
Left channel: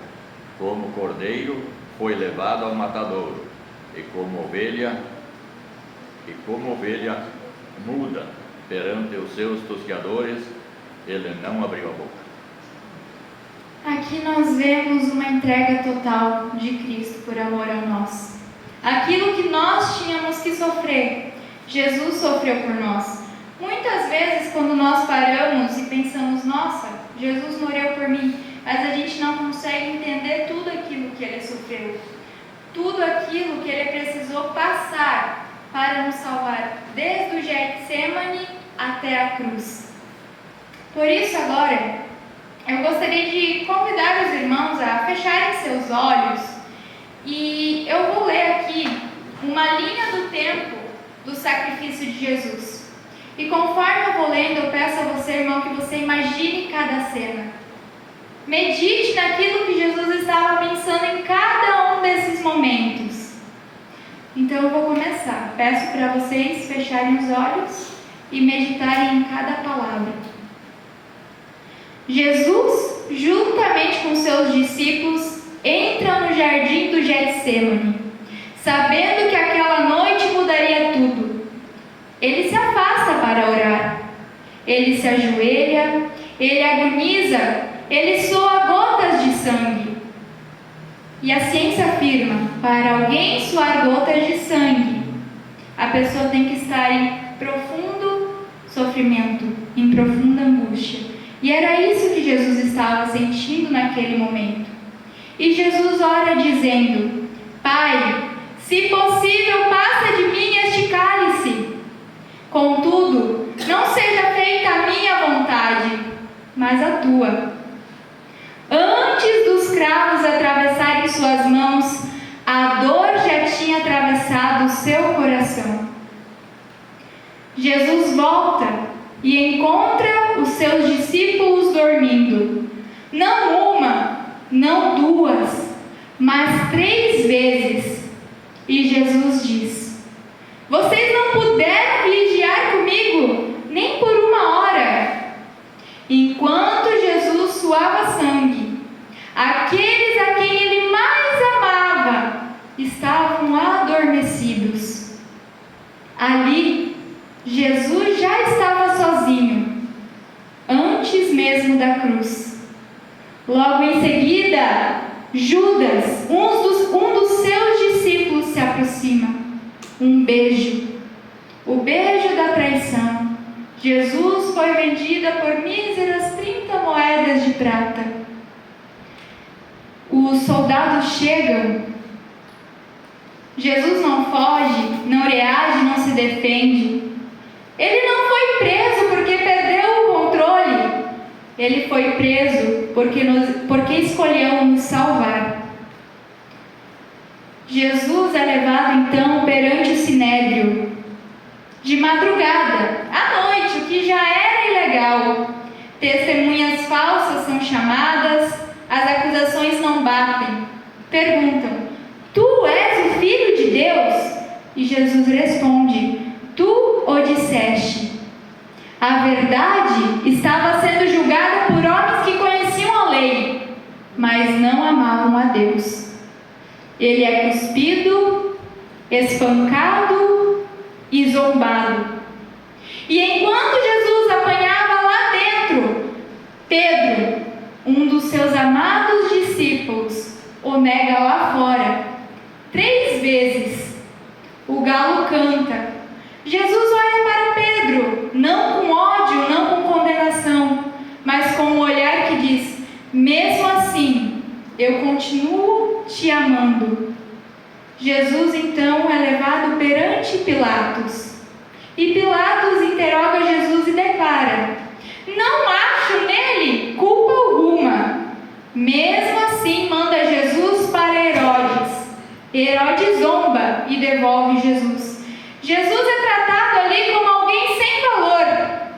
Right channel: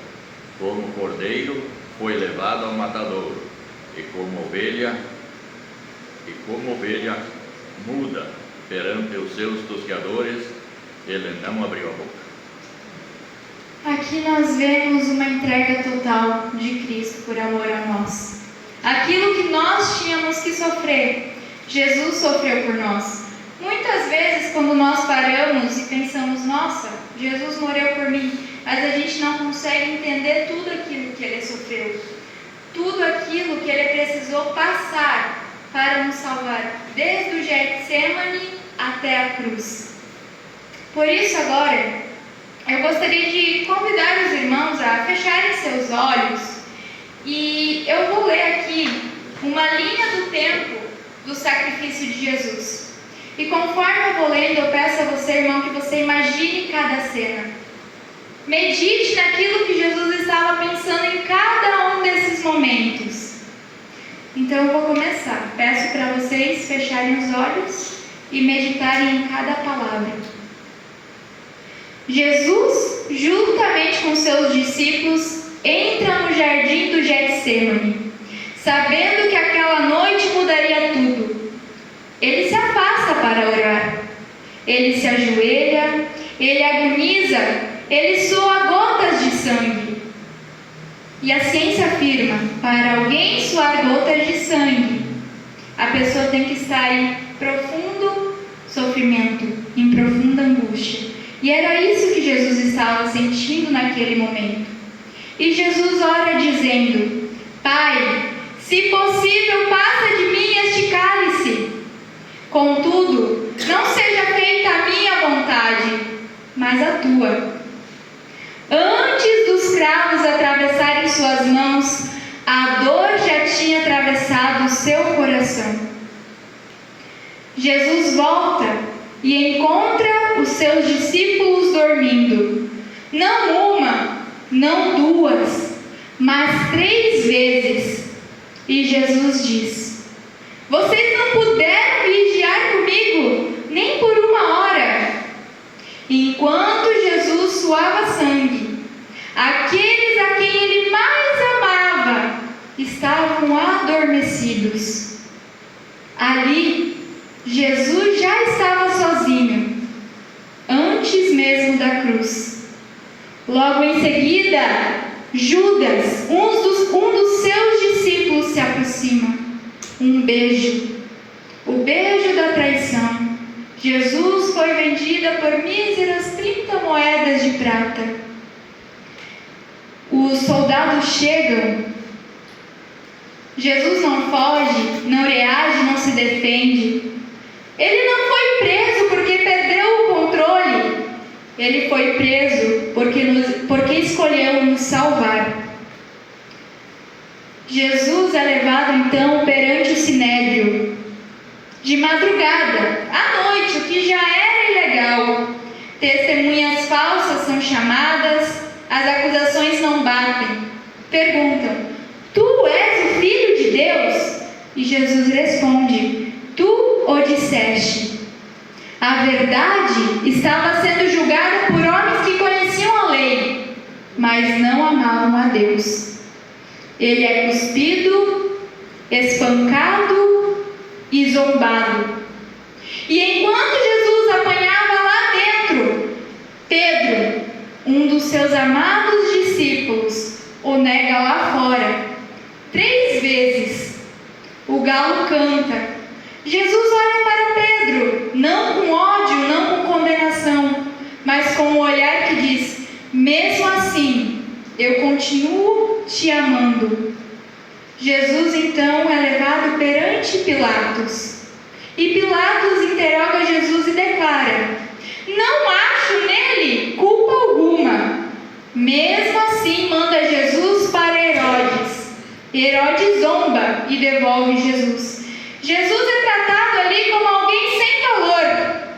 Como cordeiro foi levado ao matadouro, e como ovelha muda perante os seus tosqueadores, ele não abriu a boca. Aqui nós vemos uma entrega total de Cristo por amor a nós. Aquilo que nós tínhamos que sofrer, Jesus sofreu por nós. Muitas vezes, quando nós paramos e pensamos, nossa, Jesus morreu por mim, mas a gente não consegue entender tudo aquilo que Ele sofreu, tudo aquilo que Ele precisou passar para nos salvar, desde o Getsemane até a cruz. Por isso, agora, eu gostaria de convidar os irmãos a fecharem seus olhos e eu vou ler aqui uma linha do tempo do sacrifício de Jesus. E conforme eu vou lendo, eu peço a você, irmão, que você imagine cada cena. Medite naquilo que Jesus estava pensando em cada um desses momentos. Então eu vou começar. Peço para vocês fecharem os olhos e meditarem em cada palavra. Jesus, juntamente com seus discípulos, entra no jardim do Getsemane, sabendo que aquela noite mudaria tudo. Ele se afasta para orar. Ele se ajoelha, ele agoniza, ele soa gotas de sangue. E a ciência afirma, para alguém suar gotas de sangue, a pessoa tem que estar em profundo sofrimento, em profunda angústia. E era isso que Jesus estava sentindo naquele momento. E Jesus ora dizendo, Pai, se possível, passa de mim este cálice. Contudo, não seja feita a minha vontade, mas a tua. Antes dos cravos atravessarem suas mãos, a dor já tinha atravessado o seu coração. Jesus volta e encontra os seus discípulos dormindo. Não uma, não duas, mas 3 vezes. E Jesus diz, vocês não puderam vigiar comigo, nem por 1 hora. Enquanto Jesus suava sangue, aqueles a quem ele mais amava estavam adormecidos. Ali, Jesus já estava sozinho, antes mesmo da cruz. Logo em seguida, Judas, um dos seus discípulos, se aproxima. Um beijo, o beijo da traição. Jesus foi vendida por míseras 30 moedas de prata. Os soldados chegam. Jesus não foge, não reage, não se defende. Ele não foi preso porque perdeu o controle. Ele foi preso porque escolheu nos salvar. Jesus é levado então perante o sinédrio. De madrugada, à noite, o que já era ilegal. Testemunhas falsas são chamadas, as acusações não batem. Perguntam, tu és o Filho de Deus? E Jesus responde, tu o disseste. A verdade estava sendo julgada por homens que conheciam a lei, mas não amavam a Deus. Ele é cuspido, espancado e zombado. E enquanto Jesus apanhava lá dentro, Pedro, um dos seus amados discípulos, o nega lá fora. 3 vezes. O galo canta. Jesus olha para Pedro, não com ódio, não com condenação, mas com um olhar que diz, mesmo assim, eu continuo te amando. Jesus então é levado perante Pilatos. E Pilatos interroga Jesus e declara, não acho nele culpa alguma. Mesmo assim manda Jesus para Herodes. Herodes zomba e devolve Jesus. Jesus é tratado ali como alguém sem valor,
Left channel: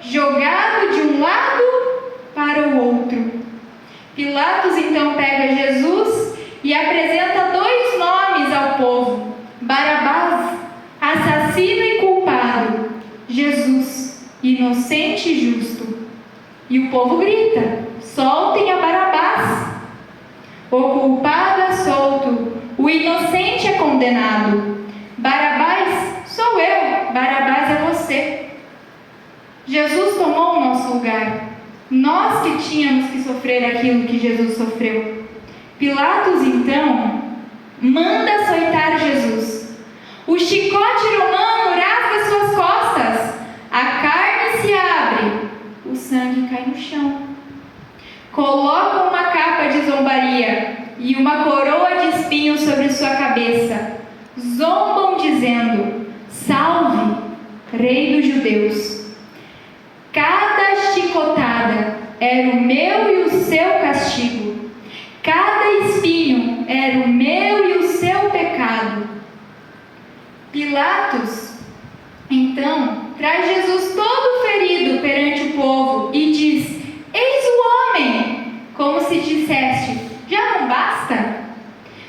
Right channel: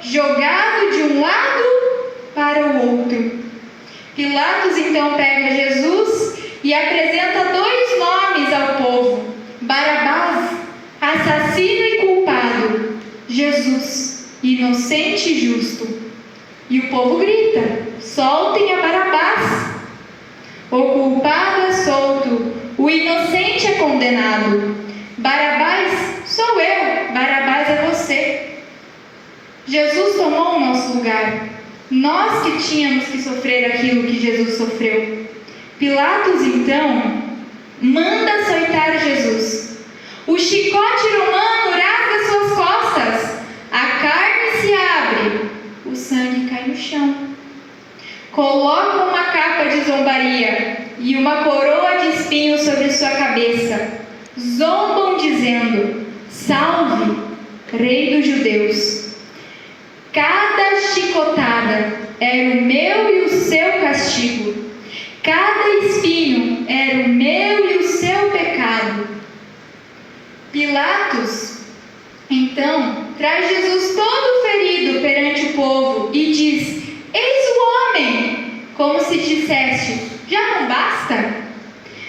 jogado de um lado para o outro. Pilatos então pega Jesus e apresenta 2 nomes ao povo: Barabás, assassino e culpado; Jesus, inocente e justo. E o povo grita: soltem a Barabás. O culpado é solto, o inocente é condenado. Barabás sou eu, Barabás é você. Jesus tomou o nosso lugar. Nós que tínhamos que sofrer aquilo que Jesus sofreu. Pilatos, então, manda açoitar Jesus. O chicote romano rasga suas costas. A carne se abre. O sangue cai no chão. Colocam uma capa de zombaria e uma coroa de espinhos sobre sua cabeça. Zombam dizendo: Salve, Rei dos Judeus. Cada chicotada era o meu e o seu castigo. Cada espinho era o meu e o seu pecado. Pilatos, então, traz Jesus todo ferido perante o povo e diz: Eis o homem, como se disseste: já não basta?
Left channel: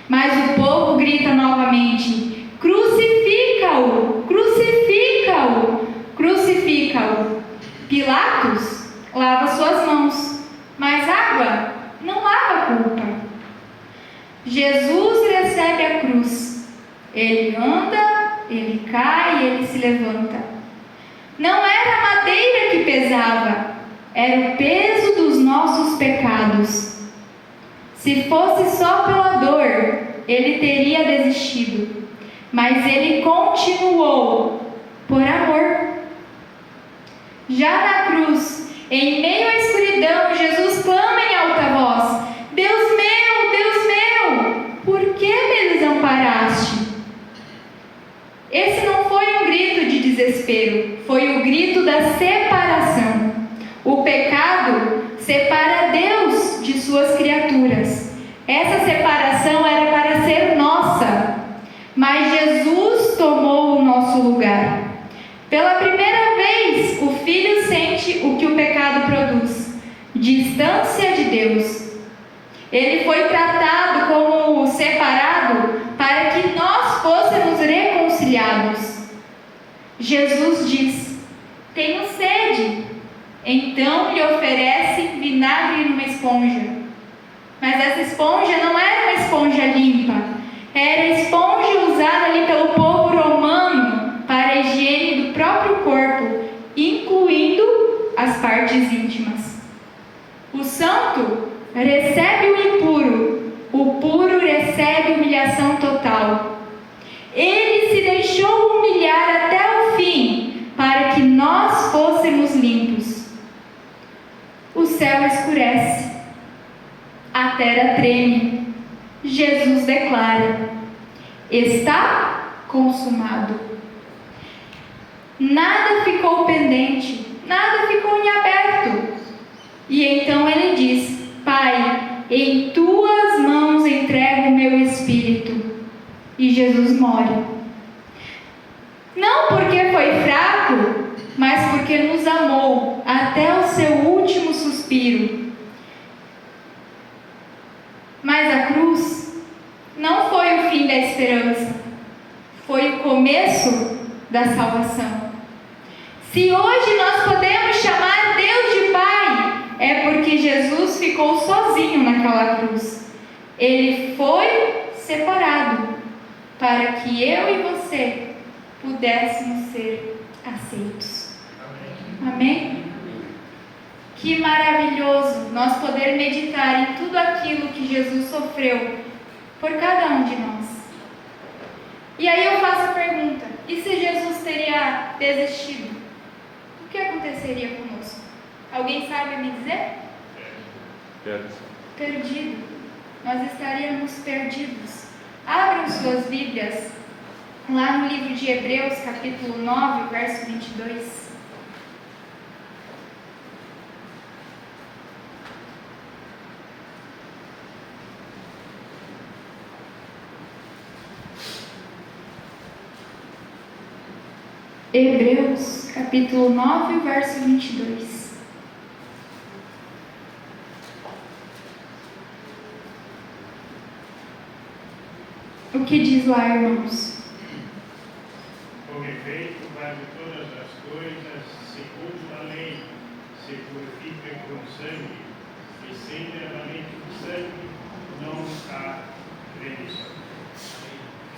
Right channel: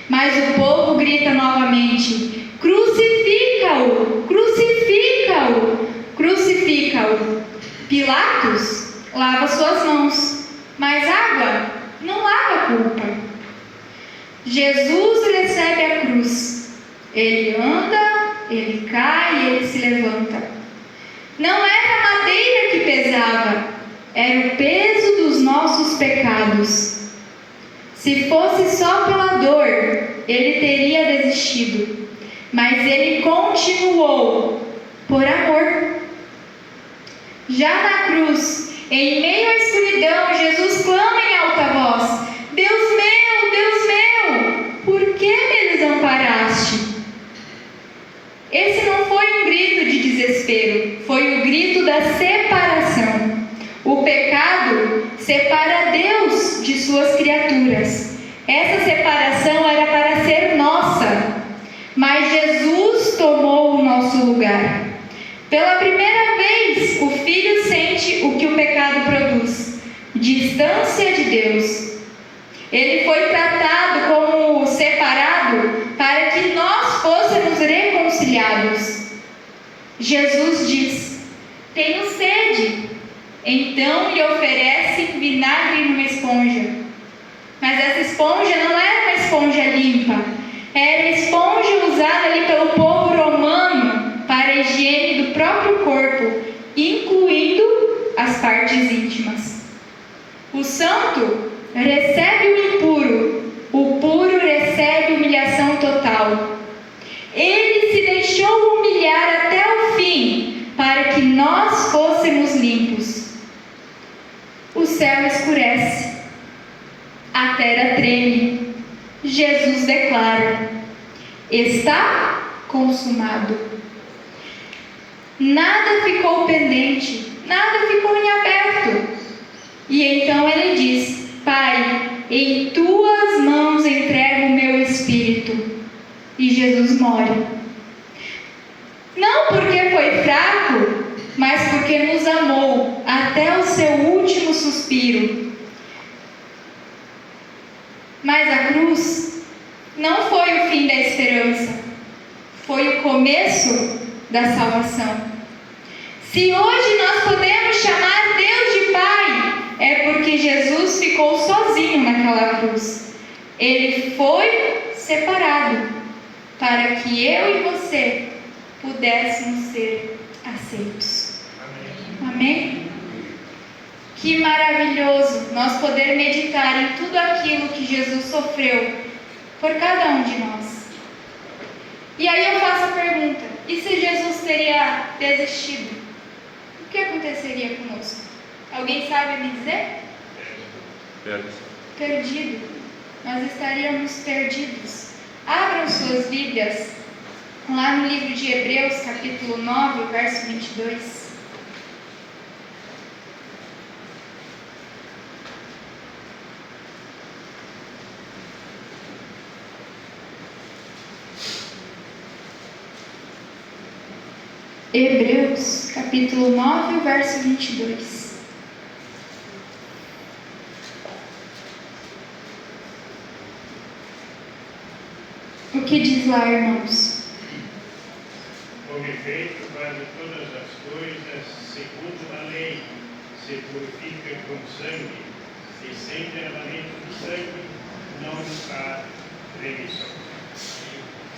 Mas o povo grita novamente: crucifica-o, crucifica-o, crucifica-o. Pilatos lava suas mãos, mas água não lava a culpa. Jesus recebe a cruz. Ele anda, ele cai, ele se levanta. Não era a madeira que pesava, era o peso dos nossos pecados. Se fosse só pela dor, ele teria desistido, mas ele continuou por amor. Já na cruz, em meio à escuridão, Jesus clama em alta voz: Deus meu, por que me desamparaste? Esse não foi um grito de desespero, foi o grito da separação. O pecado separa Deus de suas criaturas. Essa separação era para ser nossa, mas Jesus tomou o nosso lugar. Pela primeira vez, o Filho sente o que o pecado produz: distância de Deus. Ele foi tratado como separado para que nós fôssemos reconciliados. Jesus diz: tenho sede. Então lhe oferece vinagre numa esponja. Mas essa esponja não era uma esponja limpa. Era a esponja usada ali pelo povo romano para a higiene do próprio corpo, incluindo as partes íntimas. O santo recebe o impuro, o puro recebe humilhação total. Ele se deixou humilhar até o fim para que nós fôssemos limpos. O céu escurece, a terra treme. Jesus declara: está consumado. Nada ficou pendente, nada ficou em aberto. E então ele diz: Pai, em tuas mãos entrego o meu espírito. E Jesus morre. Não porque foi fraco, mas porque nos amou até o seu último suspiro. Mas a cruz não foi o fim da esperança, foi o começo da salvação. Se hoje nós podemos chamar Deus de Pai, é porque Jesus ficou sozinho naquela cruz. Ele foi separado para que eu e você pudéssemos ser aceitos. Amém? Que maravilhoso nós poder meditar em tudo aquilo que Jesus sofreu por cada um de nós. E aí eu faço a pergunta: e se Jesus teria desistido? O que aconteceria conosco? Alguém sabe me dizer? Perdido. Nós estaríamos perdidos. Abram suas Bíblias lá no livro de Hebreus, capítulo 9, verso 22. Hebreus, capítulo 9, verso 22. O que diz lá, irmãos? Com efeito, faz todas as coisas segundo a lei, se purifica com sangue, e sem derramamento de sangue, não há remissão.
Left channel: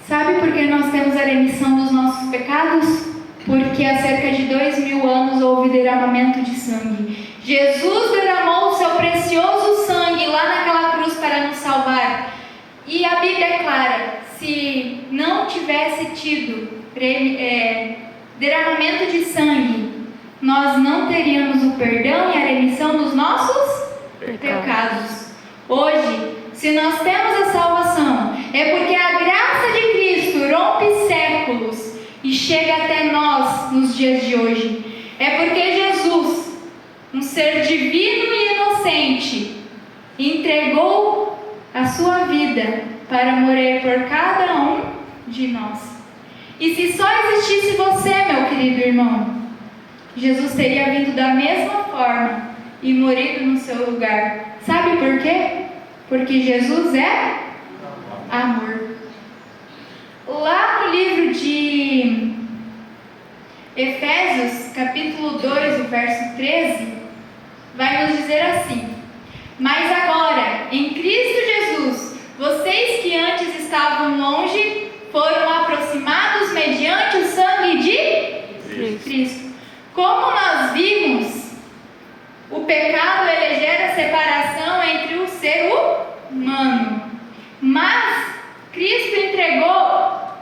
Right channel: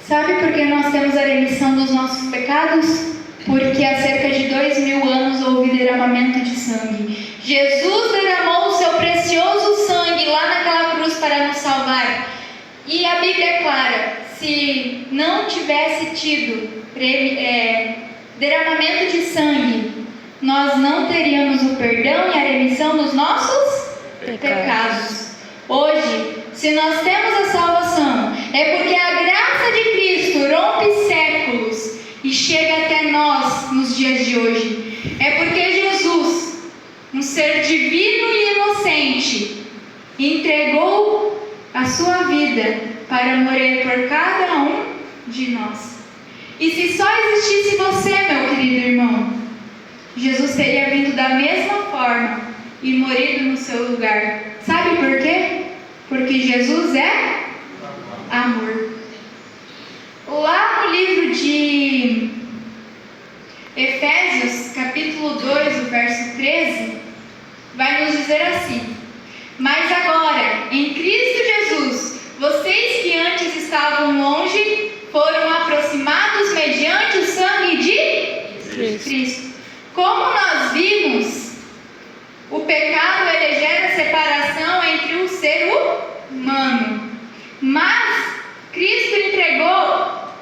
Sabe por que nós temos a remissão dos nossos pecados? Porque há cerca de 2000 anos houve derramamento de sangue. Jesus derramou o seu precioso sangue lá naquela cruz para nos salvar. E a Bíblia é clara, se não tivesse tido derramamento de sangue, nós não teríamos o perdão e a remissão dos nossos pecados. Hoje, se nós temos a salvação, é porque a graça de Cristo rompe séculos e chega até nós nos dias de hoje. É porque Jesus, um ser divino e inocente, entregou a sua vida para morrer por cada um de nós. E se só existisse você, meu querido irmão, Jesus teria vindo da mesma forma e morrido no seu lugar. Sabe por quê? Porque Jesus é amor. Lá no livro de Efésios, capítulo 2, o verso 13, vai nos dizer assim: mas agora, em Cristo Jesus, vocês que antes estavam longe, foram aproximados mediante o sangue de Cristo. Como nós vimos, o pecado ele gera separação entre o ser humano. Mas Cristo entregou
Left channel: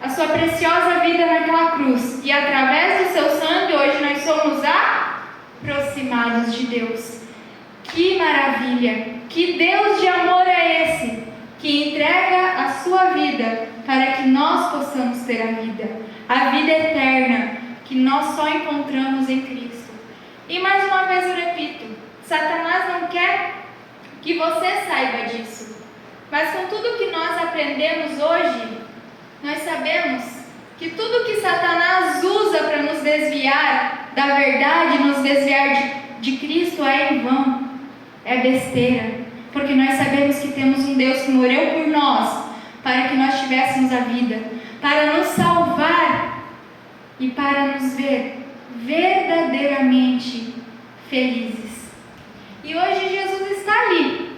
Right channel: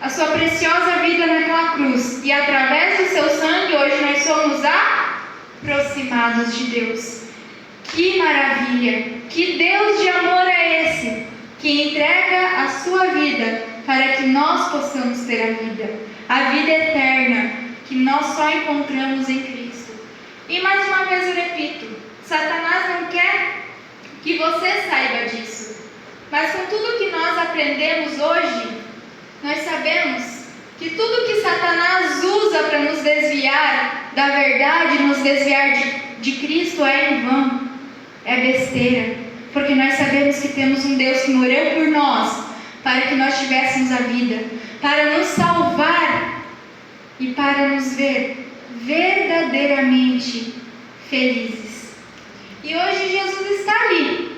a sua preciosa vida naquela cruz. E através do seu sangue, hoje nós somos aproximados de Deus. Que maravilha! Que Deus de amor é esse? Que entrega a sua vida para que nós possamos ter a vida eterna, que nós só encontramos em Cristo. E mais uma vez eu repito, Satanás não quer que você saiba disso. Mas com tudo que nós aprendemos hoje, nós sabemos que tudo que Satanás usa para nos desviar da verdade, nos desviar de Cristo é em vão, é besteira. Porque nós sabemos que temos um Deus que morreu por nós, para que nós tivéssemos a vida, para nos salvar e para nos ver verdadeiramente felizes. E hoje Jesus está ali,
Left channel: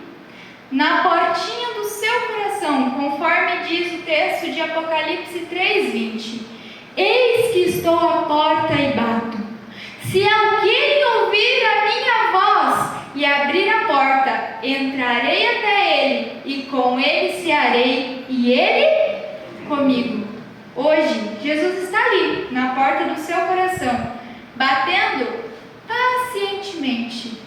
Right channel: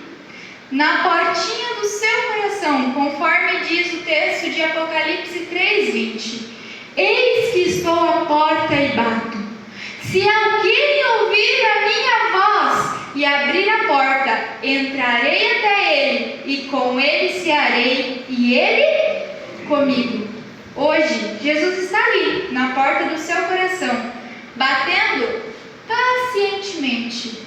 na portinha do seu coração, conforme diz o texto de Apocalipse 3:20. Eis que estou à porta e bato. Se alguém ouvir a minha voz e abrir a porta, entrarei até ele, e com ele cearei, e ele comigo. Hoje, Jesus está ali, na porta do seu coração, batendo pacientemente.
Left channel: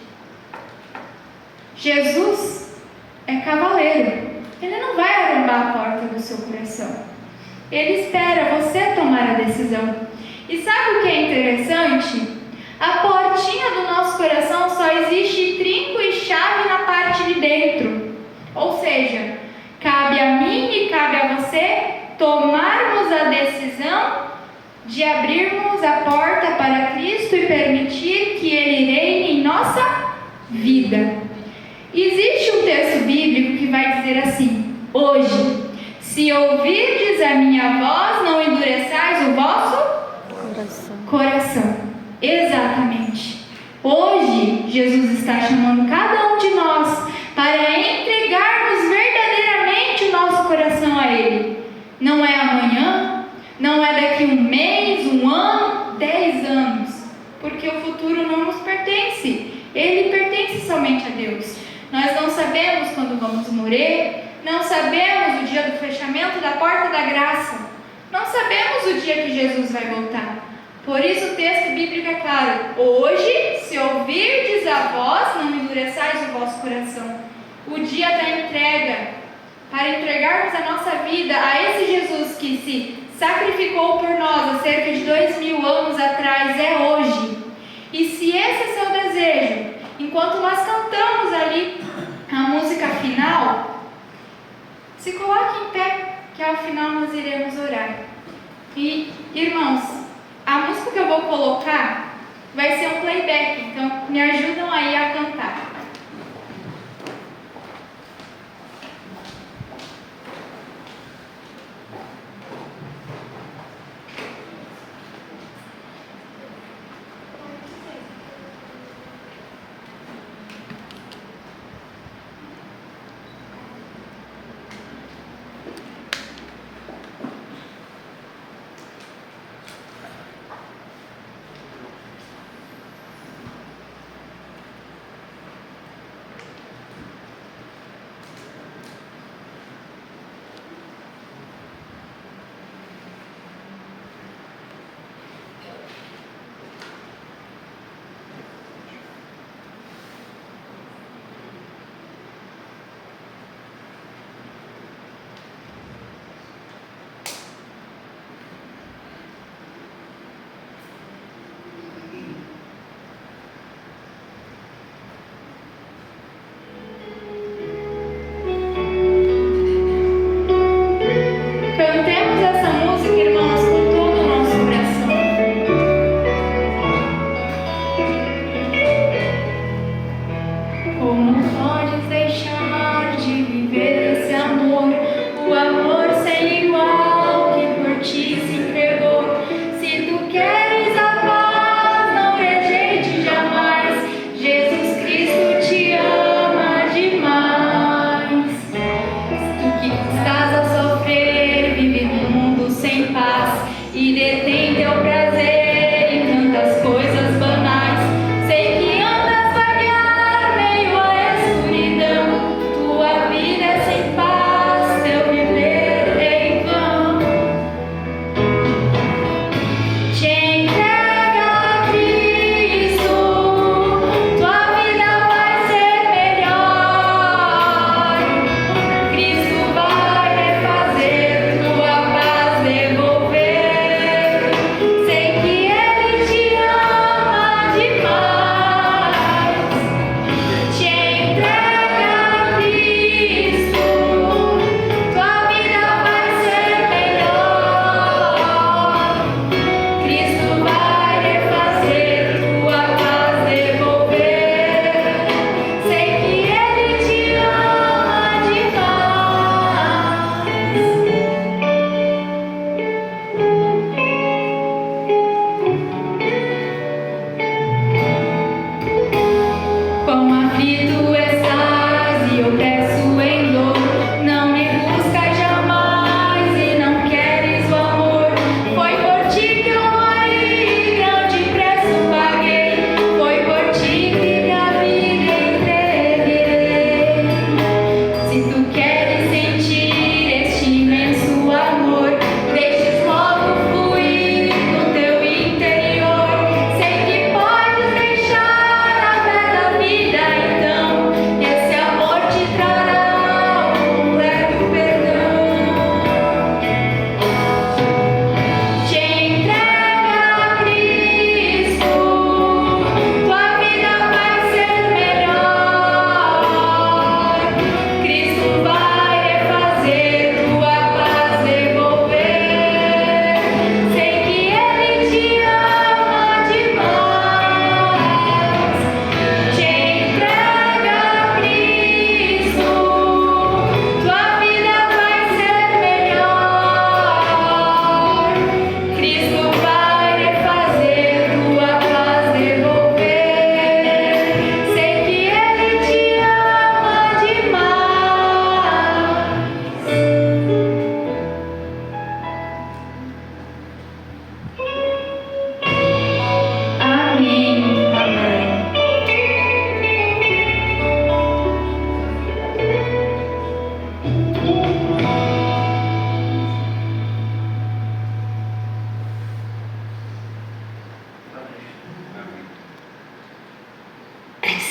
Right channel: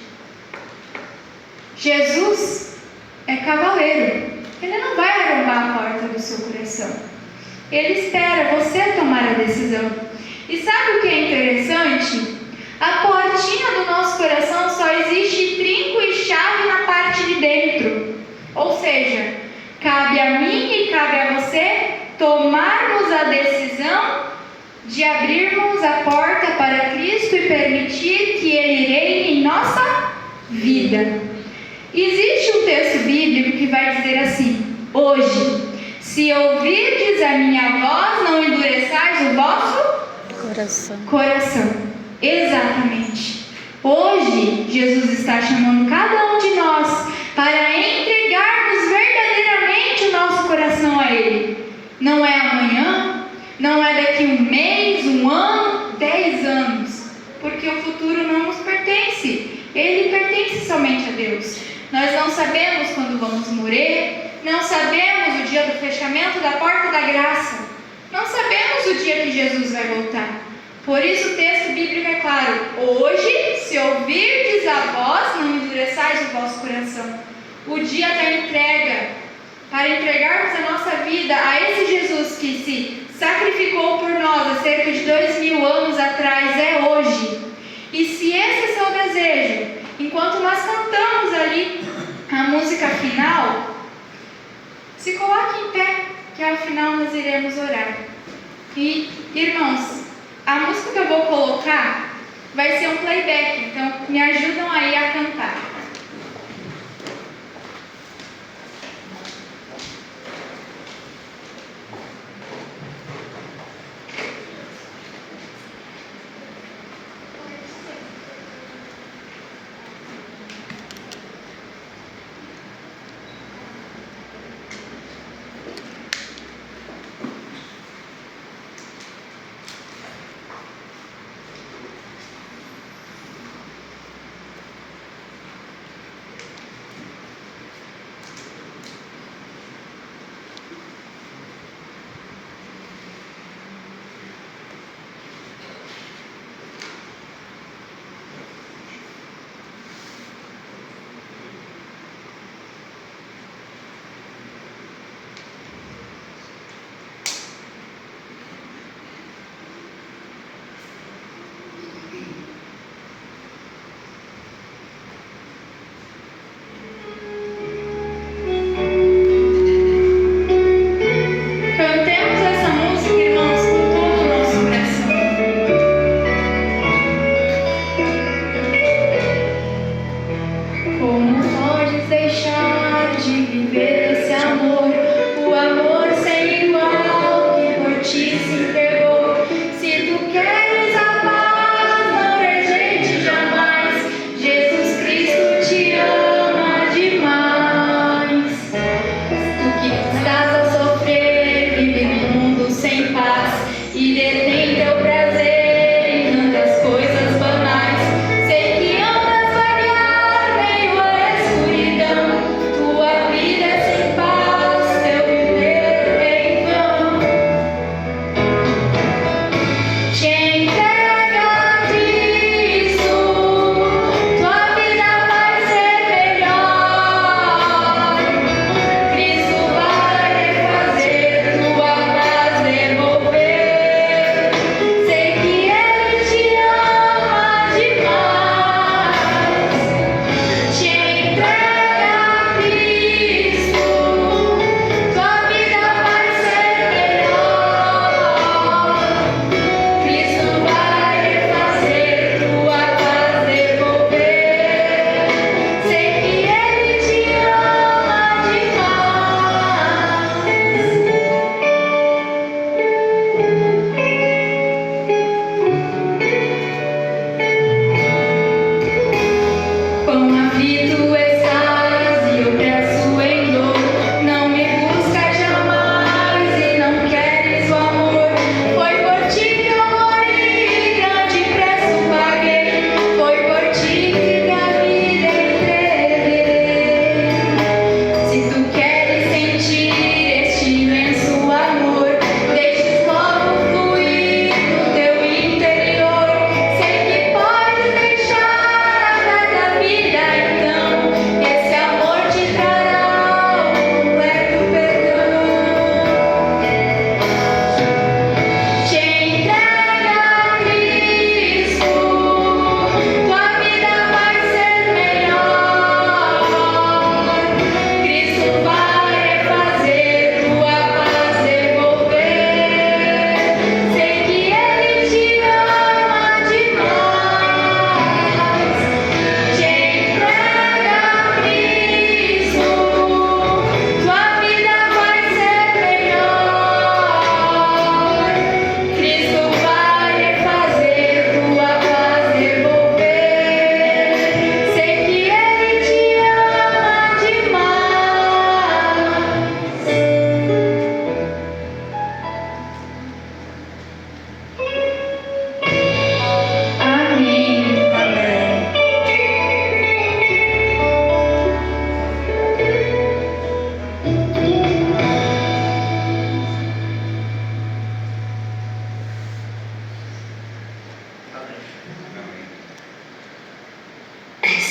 Jesus é cavaleiro. Ele não vai arrombar a porta do seu coração. Ele espera você tomar a decisão. E sabe o que é interessante? A portinha do nosso coração só existe trinco e chave na parte de dentro. Ou seja, cabe a mim e cabe a você tomarmos a decisão de abrirmos a porta para Cristo e permitir que Ele reine em nossa vida. Existe um texto bíblico que vai dizer assim: hoje, se ouvirdes a minha voz, não endureçais o vosso coração. Exatamente. Hoje, Jesus está chamando cada um de nós para entregarmos verdadeiramente o nosso coração a Ele. Não é amanhã, não é daqui um mês, um ano, 10 anos, porque o futuro não nos pertence. Ele pertence somente a Deus. Nós não sabemos quando vamos morrer, não sabemos o dia do fechamento da porta da graça, não sabemos o dia que Jesus vai voltar. Por isso o texto bíblico é claro: hoje, se ouvirdes a voz, não endureçais o vosso coração. O dia da entrega, para entregarmos a nossa vida a esse Jesus que se sacrificou por nós há cerca de 2000 anos atrás, é hoje. E se esse é seu desejo, enquanto nós cantamos ali a música final, se coloque em pé, que ao final nós iremos orar. E, irmãos, a música que eu vou colocar vai ser um playback, então me ajudam aí a cantar.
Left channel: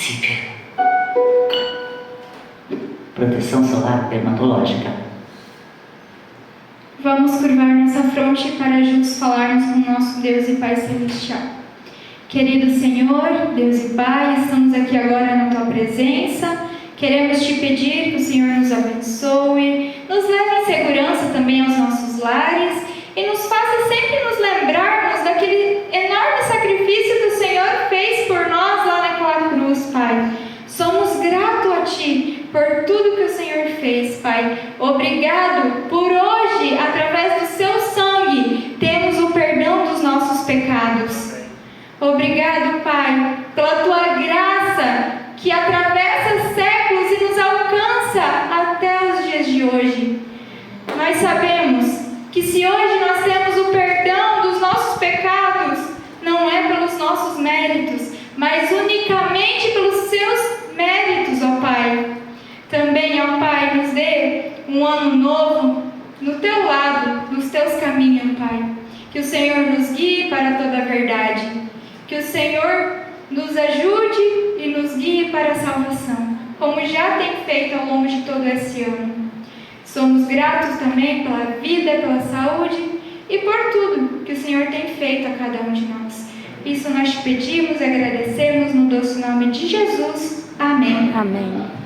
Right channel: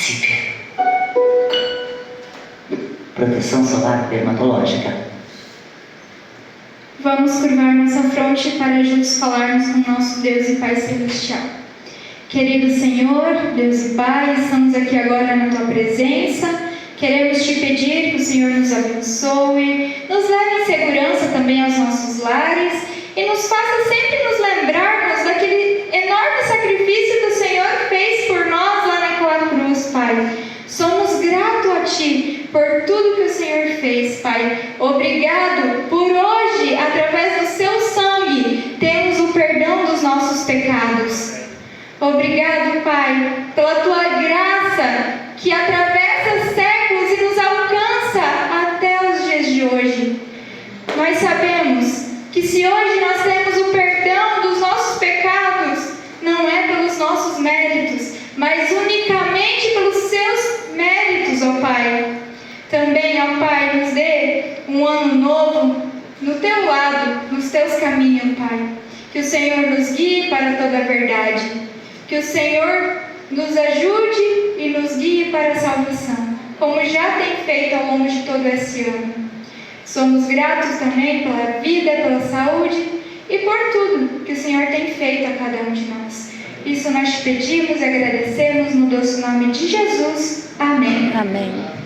Cícero. Proteção solar dermatológica. Vamos curvar nossa fronte para juntos falarmos com nosso Deus e Pai Celestial. Querido Senhor, Deus e Pai, estamos aqui agora na Tua presença. Queremos Te pedir que o Senhor nos abençoe, nos leve em segurança também aos nossos lares e nos faça sempre nos lembrarmos daquele enorme sacrifício que o Senhor fez por nós lá naquela cruz, Pai. Somos gratos a Ti por tudo que o Senhor fez, Pai. Obrigado por hoje, através do Seu sangue, temos o perdão dos nossos pecados. Obrigado, Pai, pela Tua graça que atravessa séculos e nos alcança até os dias de hoje. Nós sabemos que se hoje nós temos o perdão dos nossos pecados, não é pelos nossos méritos, mas unicamente pelos Seus méritos, ó Pai. Também, ó Pai, nos dê um ano novo no Teu lado, nos Teus caminhos, Pai. Que o Senhor nos guie para toda a verdade. Que o Senhor nos ajude e nos guie para a salvação, como já tem feito ao longo de todo esse ano. Somos gratos também pela vida, pela saúde e por tudo que o Senhor tem feito a cada um de nós. Isso nós te pedimos, agradecemos no doce nome de Jesus. Amém. Amém.